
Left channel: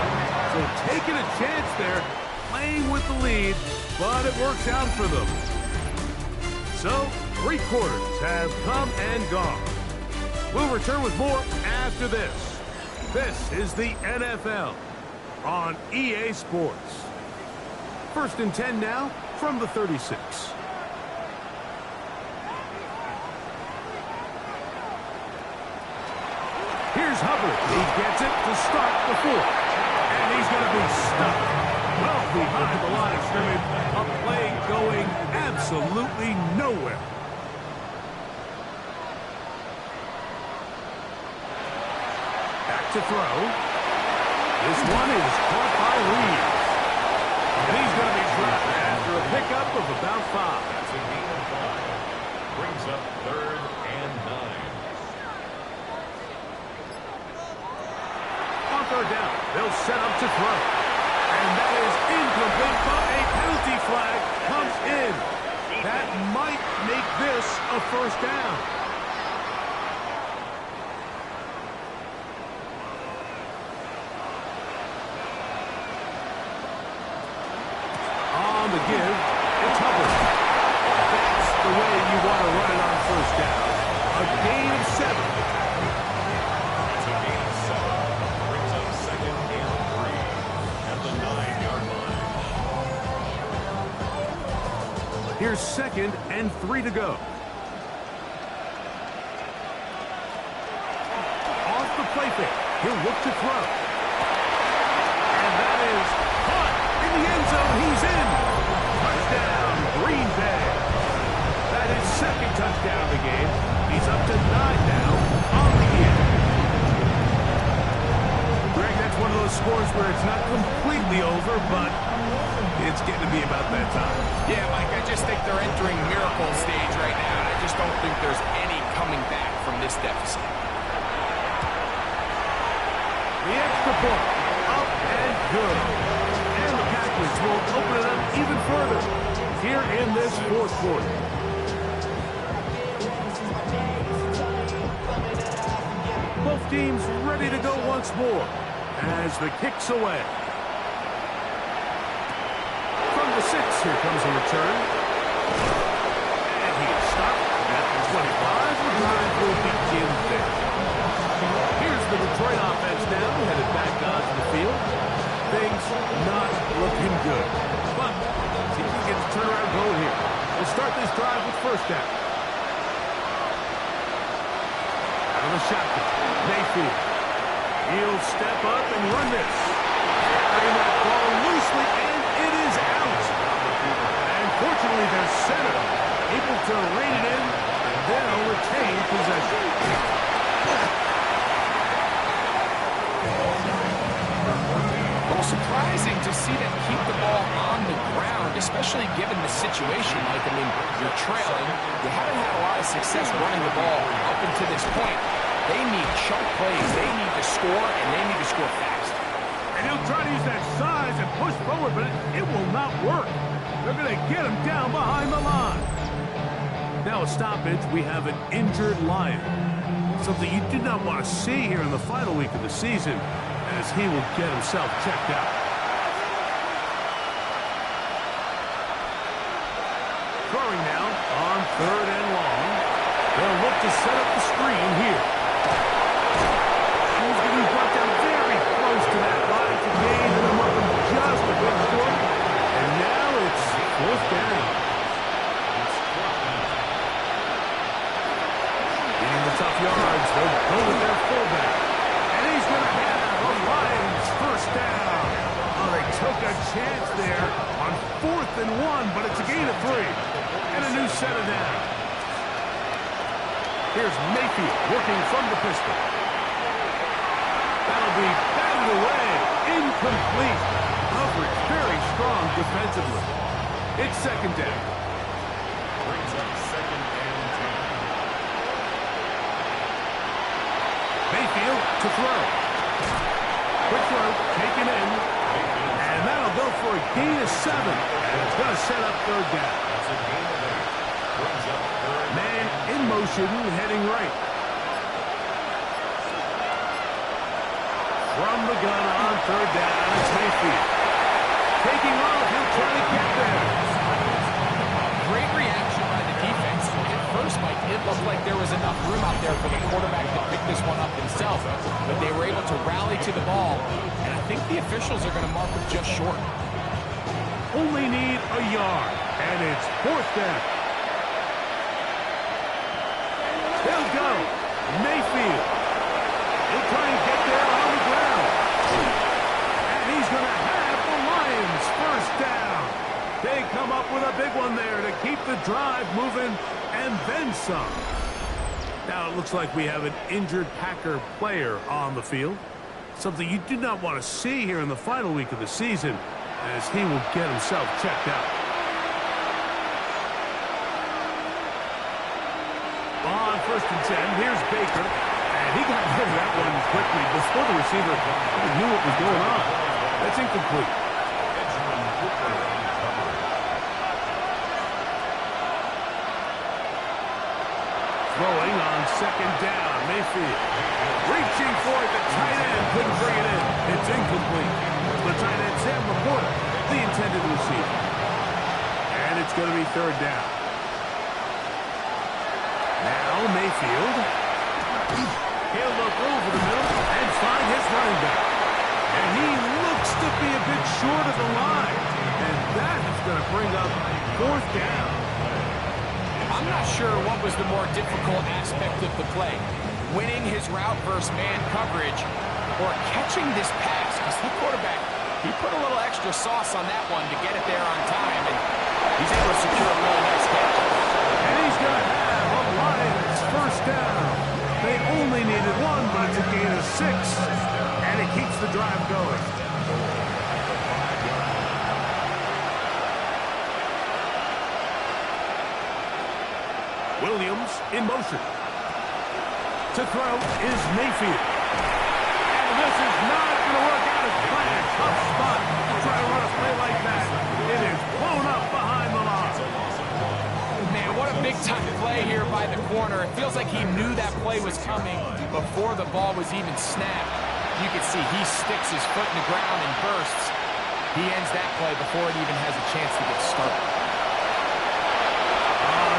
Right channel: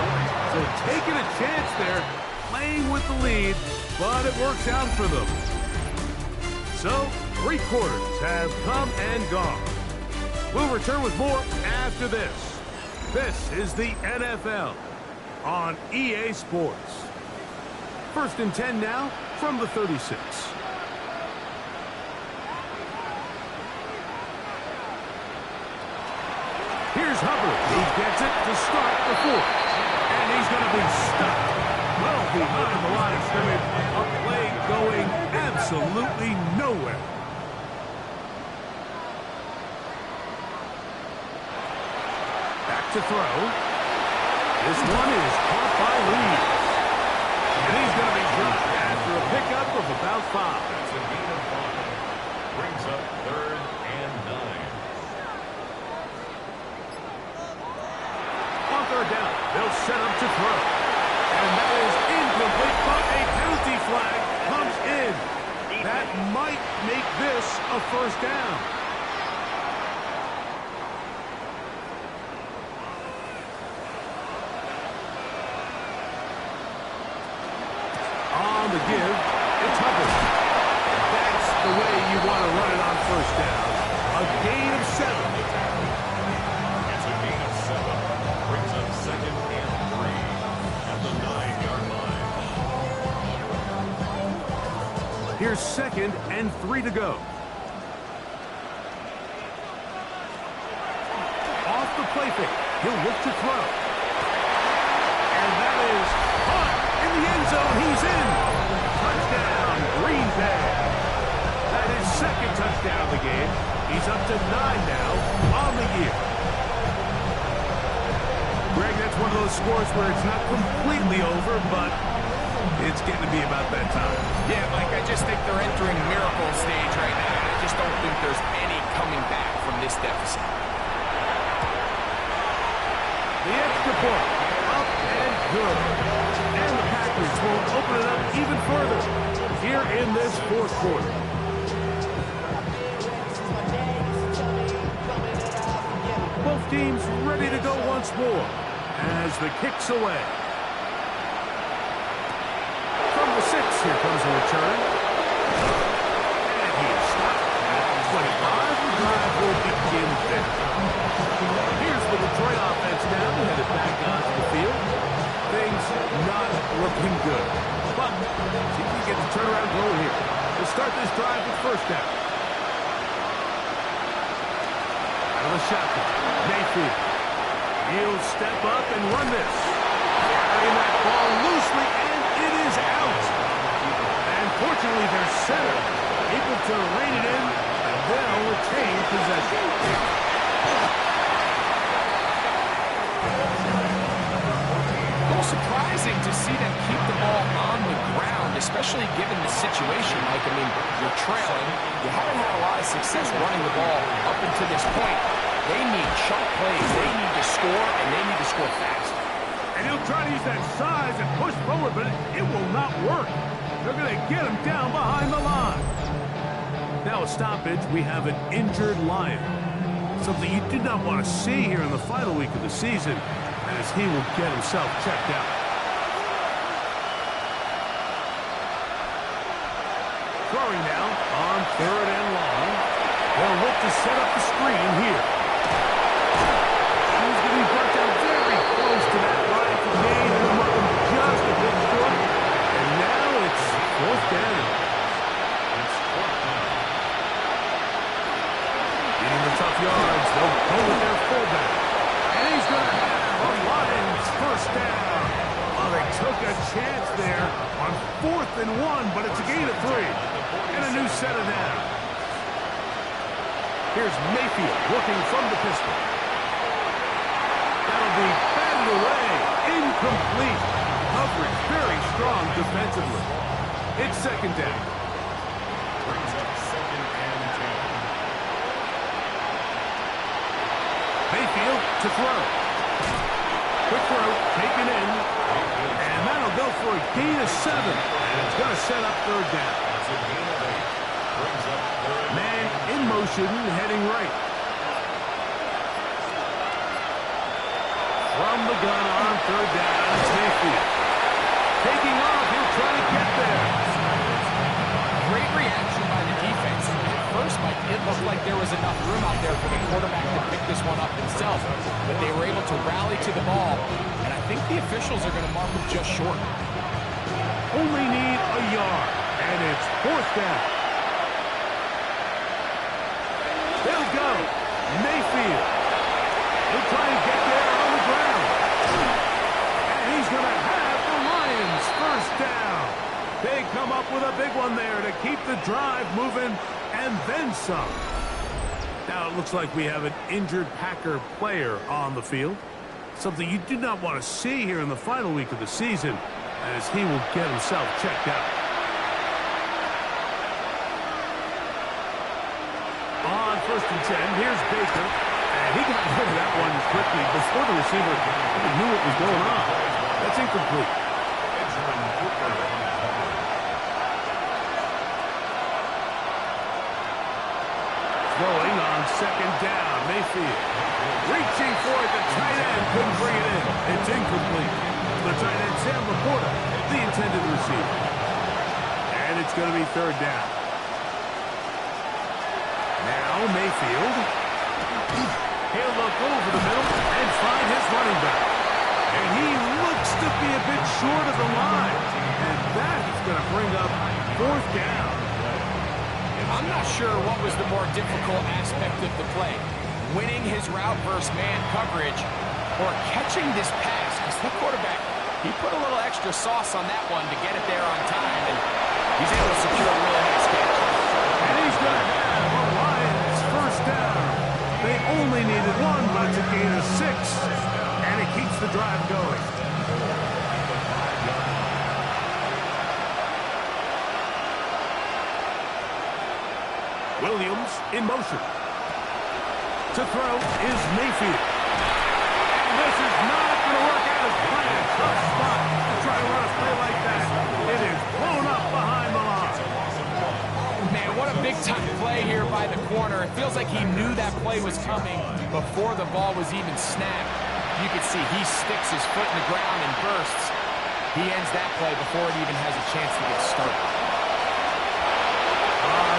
So taking a chance there, playing with the lead, but it works out for them. So 3 quarters have come and gone. We'll return with more after this. This is the NFL on EA Sports. 1st and 10 now from the 36. Here's Hubbard. He gets it to start the 4th. And he's going to be stuck well behind the line of scrimmage. A play going absolutely nowhere. Back to throw. This one is caught by Reeves. And he's going to be dropped after a pickup of about 5. That's a gain of 5. Brings up 3rd and 9. On 3rd down, they'll set up to throw. And that is incomplete, but a penalty flag comes in. That might make this a 1st down. On the give, it's Hubbard. That's the way you want to run it on 1st down. A gain of 7. It's a gain of 7. Brings up 2nd and 3 at the 9-yard line. Here's 2nd and 3 to go. Off the play fake. He'll look to throw. And that is caught in the end zone. He's in. Touchdown, Green Bay. That is 2nd touchdown of the game. He's up to 9 now on the year. Greg, that's one of those scores where it's not completely over, but it's getting to be about that time. Yeah, Mike, I just think they're entering miracle stage right now. I just don't think there's any coming back from this deficit. The extra point, up and good. And the Packers will open it up even further here in this 4th quarter. Both teams ready to go once more as the kick's away. From the 6, here comes a return. And he is stopped at the 25. The drive will begin there. Here's the Detroit offense now, headed back onto the field. Things not looking good. But see if we get the turnaround going here. We'll start this drive with 1st down. Out of the shotgun, Mayfield. He'll step up and run this. Carrying that ball loosely, and it is out. And fortunately, their center able to rein it in, and they'll retain possession. A little surprising to see them keep the ball on the ground, especially given the situation, Mike. I mean, you're trailing. You haven't had a lot of success running the ball up until this point. They need chunk plays. They need to score, and they need to score fast. And he'll try to use that size and push forward, but it will not work. They're going to get him down behind the line. Now a stoppage, we have an injured Lion. Something you do not want to see here in the final week of the season, as he will get himself checked out. Throwing now on 3rd and long. They'll look to set up the screen here. He's going to be brought down very close to that line to gain, and they'll mark him just a bit short. And now it's 4th down. It's 4th down. Getting the tough yards, they'll go with their fullback. And he's going to have a Lions 1st down. Oh, they took a chance there on 4th and 1, but it's a gain of 3. And a new set of down. Here's Mayfield working from the pistol. That'll be batted it away. Incomplete. Coverage very strong defensively. It's second down. Brings up second and 10. Mayfield to throw. Quick throw, taken in. And that'll go for a gain of 7. And it's going to set up third down. That's a gain of 8. Brings up third. Man in motion, heading right. From the gun on third down, it's Mayfield. Taking off, he'll try to get there. Great reaction by the defense. At first, Mike, it looked like there was enough room out there for the quarterback to pick this one up himself, but they were able to rally to the ball, and I think the officials are going to mark him just short. Only need a yard, and it's fourth down. They'll go. Mayfield. He'll try and get there on the ground. And he's going to have the Lions first down. They come up with a big one there to keep the drive moving, and then some. Now it looks like we have an injured Packer player on the field. Something you do not want to see here in the final week of the season, as he will get himself checked out. On first and 10, here's Baker. And he got rid of that one quickly before the receiver even knew what was going on. That's incomplete. Throwing on second down, Mayfield. Reaching for it, the tight end couldn't bring it in. It's incomplete. The tight end, Sam Laporta, the intended receiver. And it's going to be third down. Now Mayfield. He'll look over the middle and find his running back. And he looks to be a bit short of the line. And that is going to bring up fourth down. I'm not sure what was the more difficult aspect of the play. Winning his route versus man coverage or catching this pass. Because the quarterback, he put a little extra sauce on that one to get it there on time. And he's able to secure a really nice catch. And he's going to have a Lions first down. They only needed one, but it's a gain of 6. And it keeps the drive going. Williams in motion. To throw is Mayfield. And this is not going to work out as planned. Tough spot to try to run a play like that. It is blown up behind the line. Man, what a big-time play here by the corner. It feels like he knew that play was coming before the ball was even snapped. You can see he sticks his foot in the ground and bursts. He ends that play before it even has a chance to get started.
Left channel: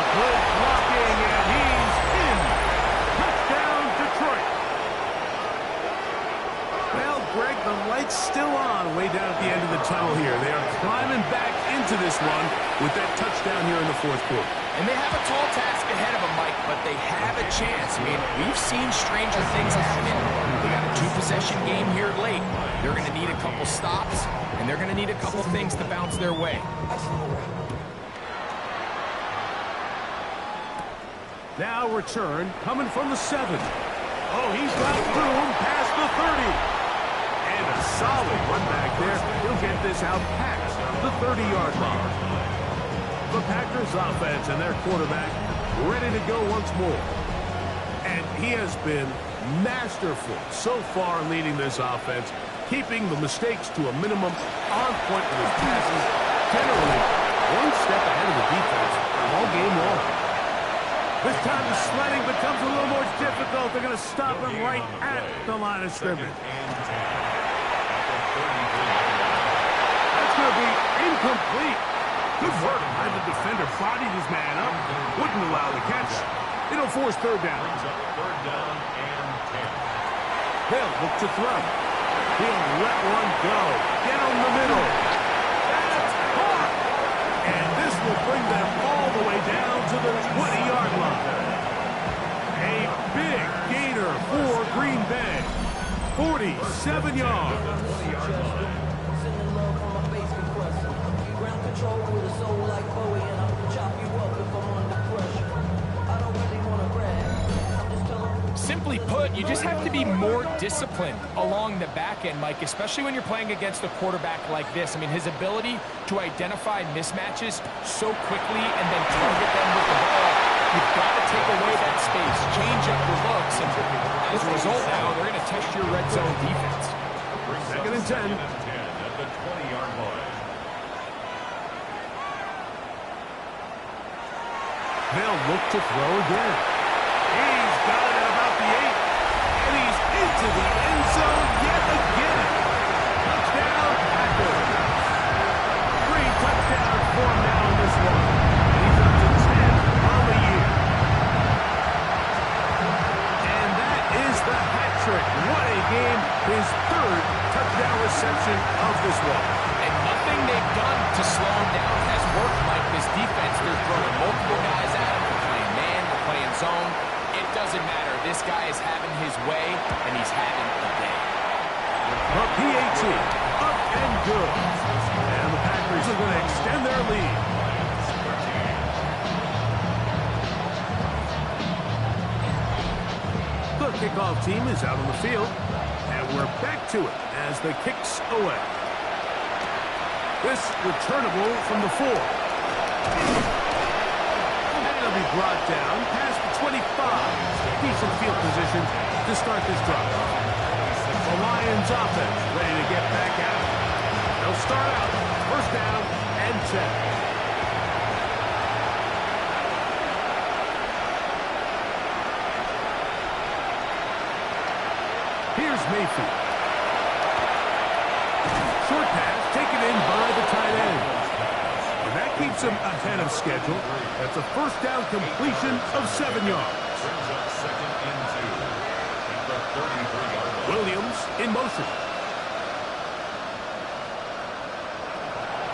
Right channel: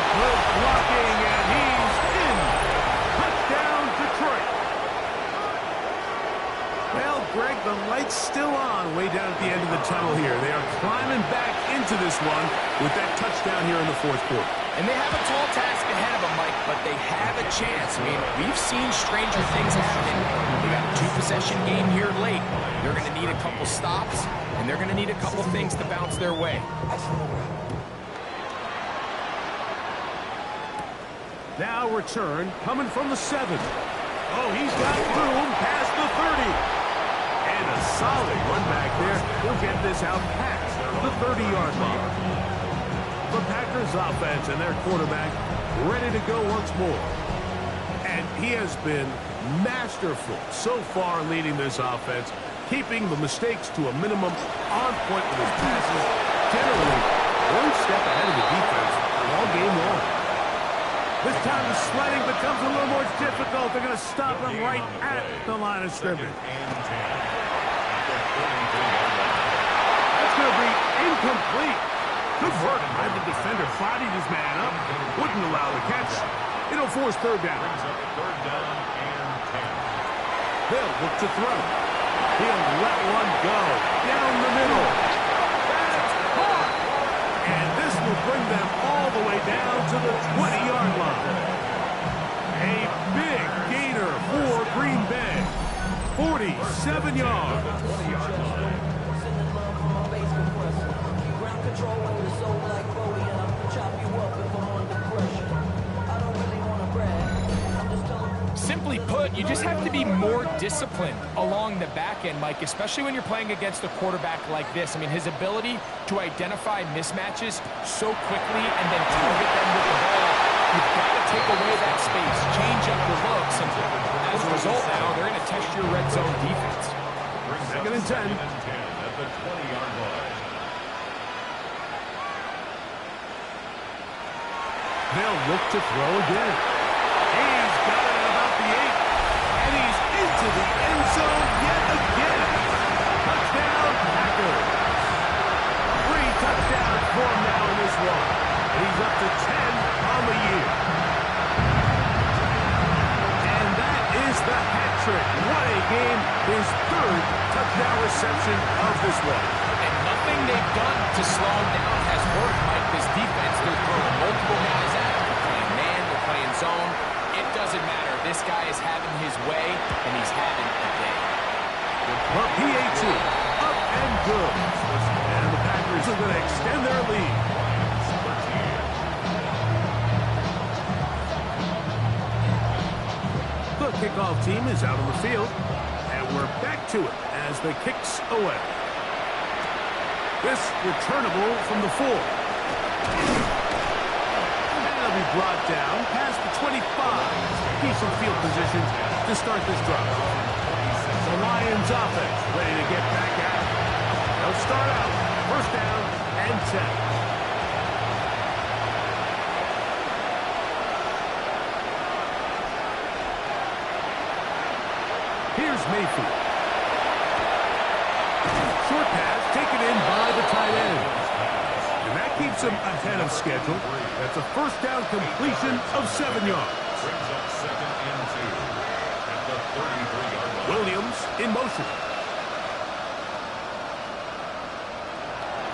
Good blocking, and he's in. Touchdown, Detroit. Well, Greg, the light's still on way down at the end of the tunnel here. They are climbing back into this one with that touchdown here in the fourth quarter. And they have a tall task ahead of them, Mike, but they have a chance. I mean, we've seen stranger things happen. They got a 2-possession game here late. They're going to need a couple stops, and they're going to need a couple things to bounce their way. Now return coming from the 7. Oh, he's got room past the 30. And a solid run back there. He'll get this out past the 30-yard line. The Packers offense and their quarterback ready to go once more. And he has been masterful so far leading this offense, keeping the mistakes to a minimum, on point with his passes, generally one step ahead of the defense all game long. This time the sledding becomes a little more difficult. They're going to stop him right at the line of scrimmage. That's going to be incomplete. Good work by the defender. Bodied his man up. Wouldn't allow the catch. It'll force third down. Brings up third down and 10. They'll look to throw. He'll let one go. Down the middle. That's caught. And this will bring them all the way down to the 20-yard line. A big gainer for Green Bay. 47 yards. Control with a soul like Bowie, and I'll chop you up if I'm under pressure. I don't really want to brag. I'm just telling simply put, you just have to be more disciplined along the back end, Mike, especially when you're playing against a quarterback like this. I mean, his ability to identify mismatches so quickly and then target them with the ball, you've got to take away that space, change up your looks, and as a result now, they're going to test your red zone defense. Second and 10. At the 20-yard line. They'll look to throw again. He's got it at about the 8. And he's into the end zone yet again. Touchdown, Packers. 3 touchdowns for him now in this one. And he's up to 10 on the year. And that is the hat trick. What a game. His 3rd touchdown reception of this one. And nothing they've done to slow him down has worked, Mike. This defense, they're throwing multiple guys at him. They're playing man, they're playing zone. It doesn't matter. This guy is having his way, and he's having a day. The PAT, up and good. And the Packers are going to extend their lead. The kickoff team is out on the field, and we're back to it as the kicks away. This returnable from the 4. And it'll be brought down past the 25. Decent field position to start this drive. The Lions offense ready to get back at it. They'll start out first down and 10. Here's Mayfield. Short pass taken in by the tight end. And that keeps him ahead of schedule. That's a first down completion of 7 yards. Brings up second and 2 at the 33-yard line. Williams in motion.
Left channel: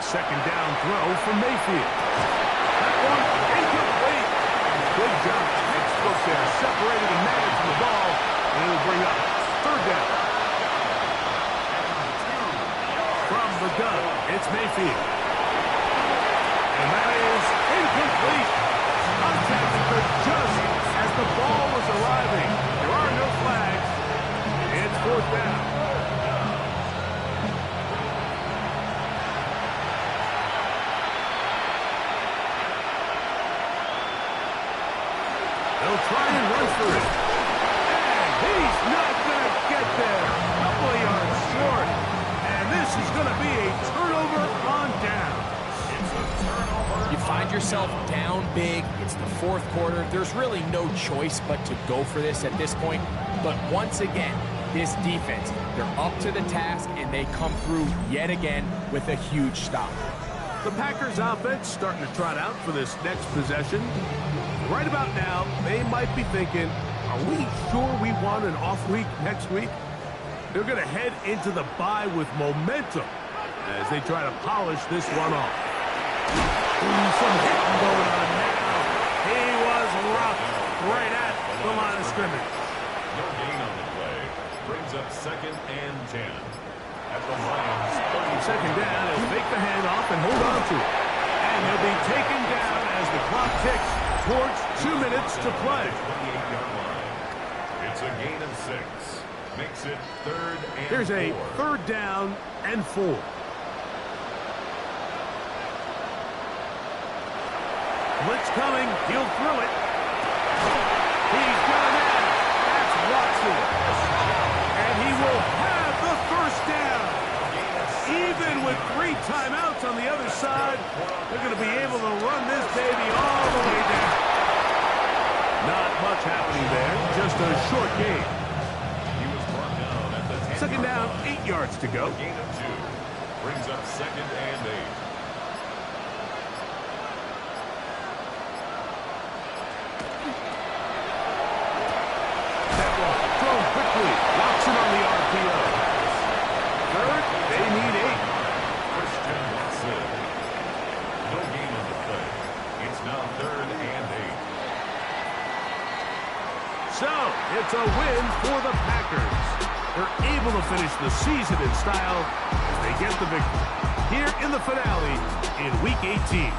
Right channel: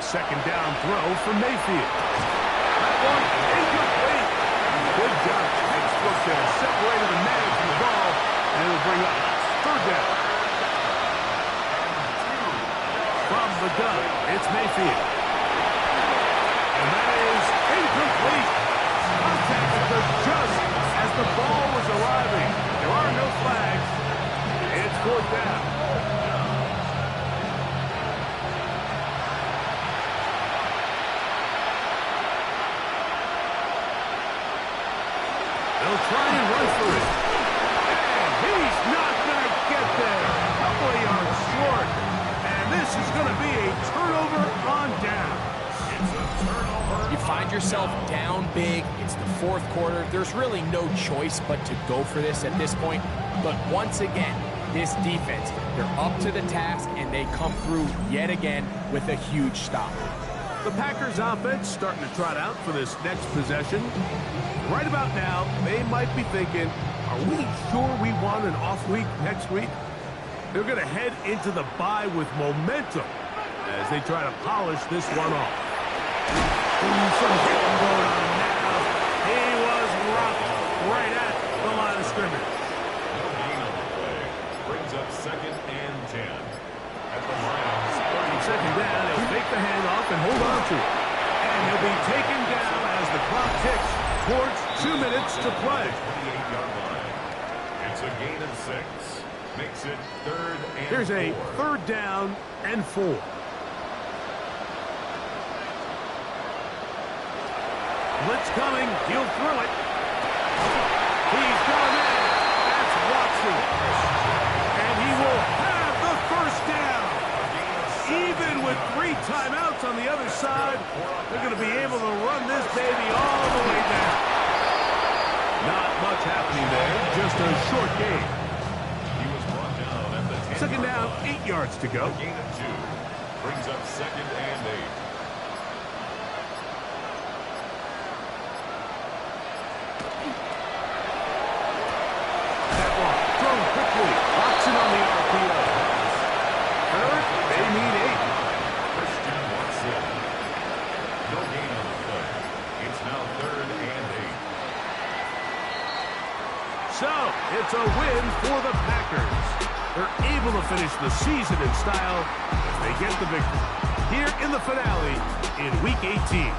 Second down throw for Mayfield. That one incomplete. Good job. Textbook there. Separated the man from the ball. And it'll bring up third down. From the gun, it's Mayfield. And that is incomplete. Contact occurred just as the ball was arriving. There are no flags. It's fourth down. They'll try and run for it. And he's not going to get there. A couple of yards short. And this is going to be a turnover on down. It's a turnover. You find yourself down big. It's the 4th quarter. There's really no choice but to go for this at this point. But once again, this defense, they're up to the task, and they come through yet again with a huge stop. The Packers offense starting to trot out for this next possession. Right about now, they might be thinking, are we sure we want an off week next week? They're going to head into the bye with momentum as they try to polish this one off. Ooh, some hitting going on now. He was rocked right at the line of scrimmage. No gain on the play. Brings up second and 10 at the Lions. Second down, he'll fake the handoff and hold on to it. And he'll be taken down as the clock ticks towards 2 minutes to play. 28-yard line. It's a gain of 6. Makes it third and 4. Here's a third down and 4. Blitz coming. He'll throw it. He's got a man. That's Watson. And he will have the first down. Even with 3 timeouts on the other side, they're going to be able to run this baby all the way down. Not much happening there. Just a short game. He was brought down at the 10-yard Second down, line. 8 yards to go. A gain of 2. Brings up second and 8. Thrown quickly. Watson on the RPO. Third, they need 8. Christian Watson. No gain on the play. It's now third and 8. So, it's a win for the Packers. They're able to finish the season in style as they get the victory here in the finale in Week 18.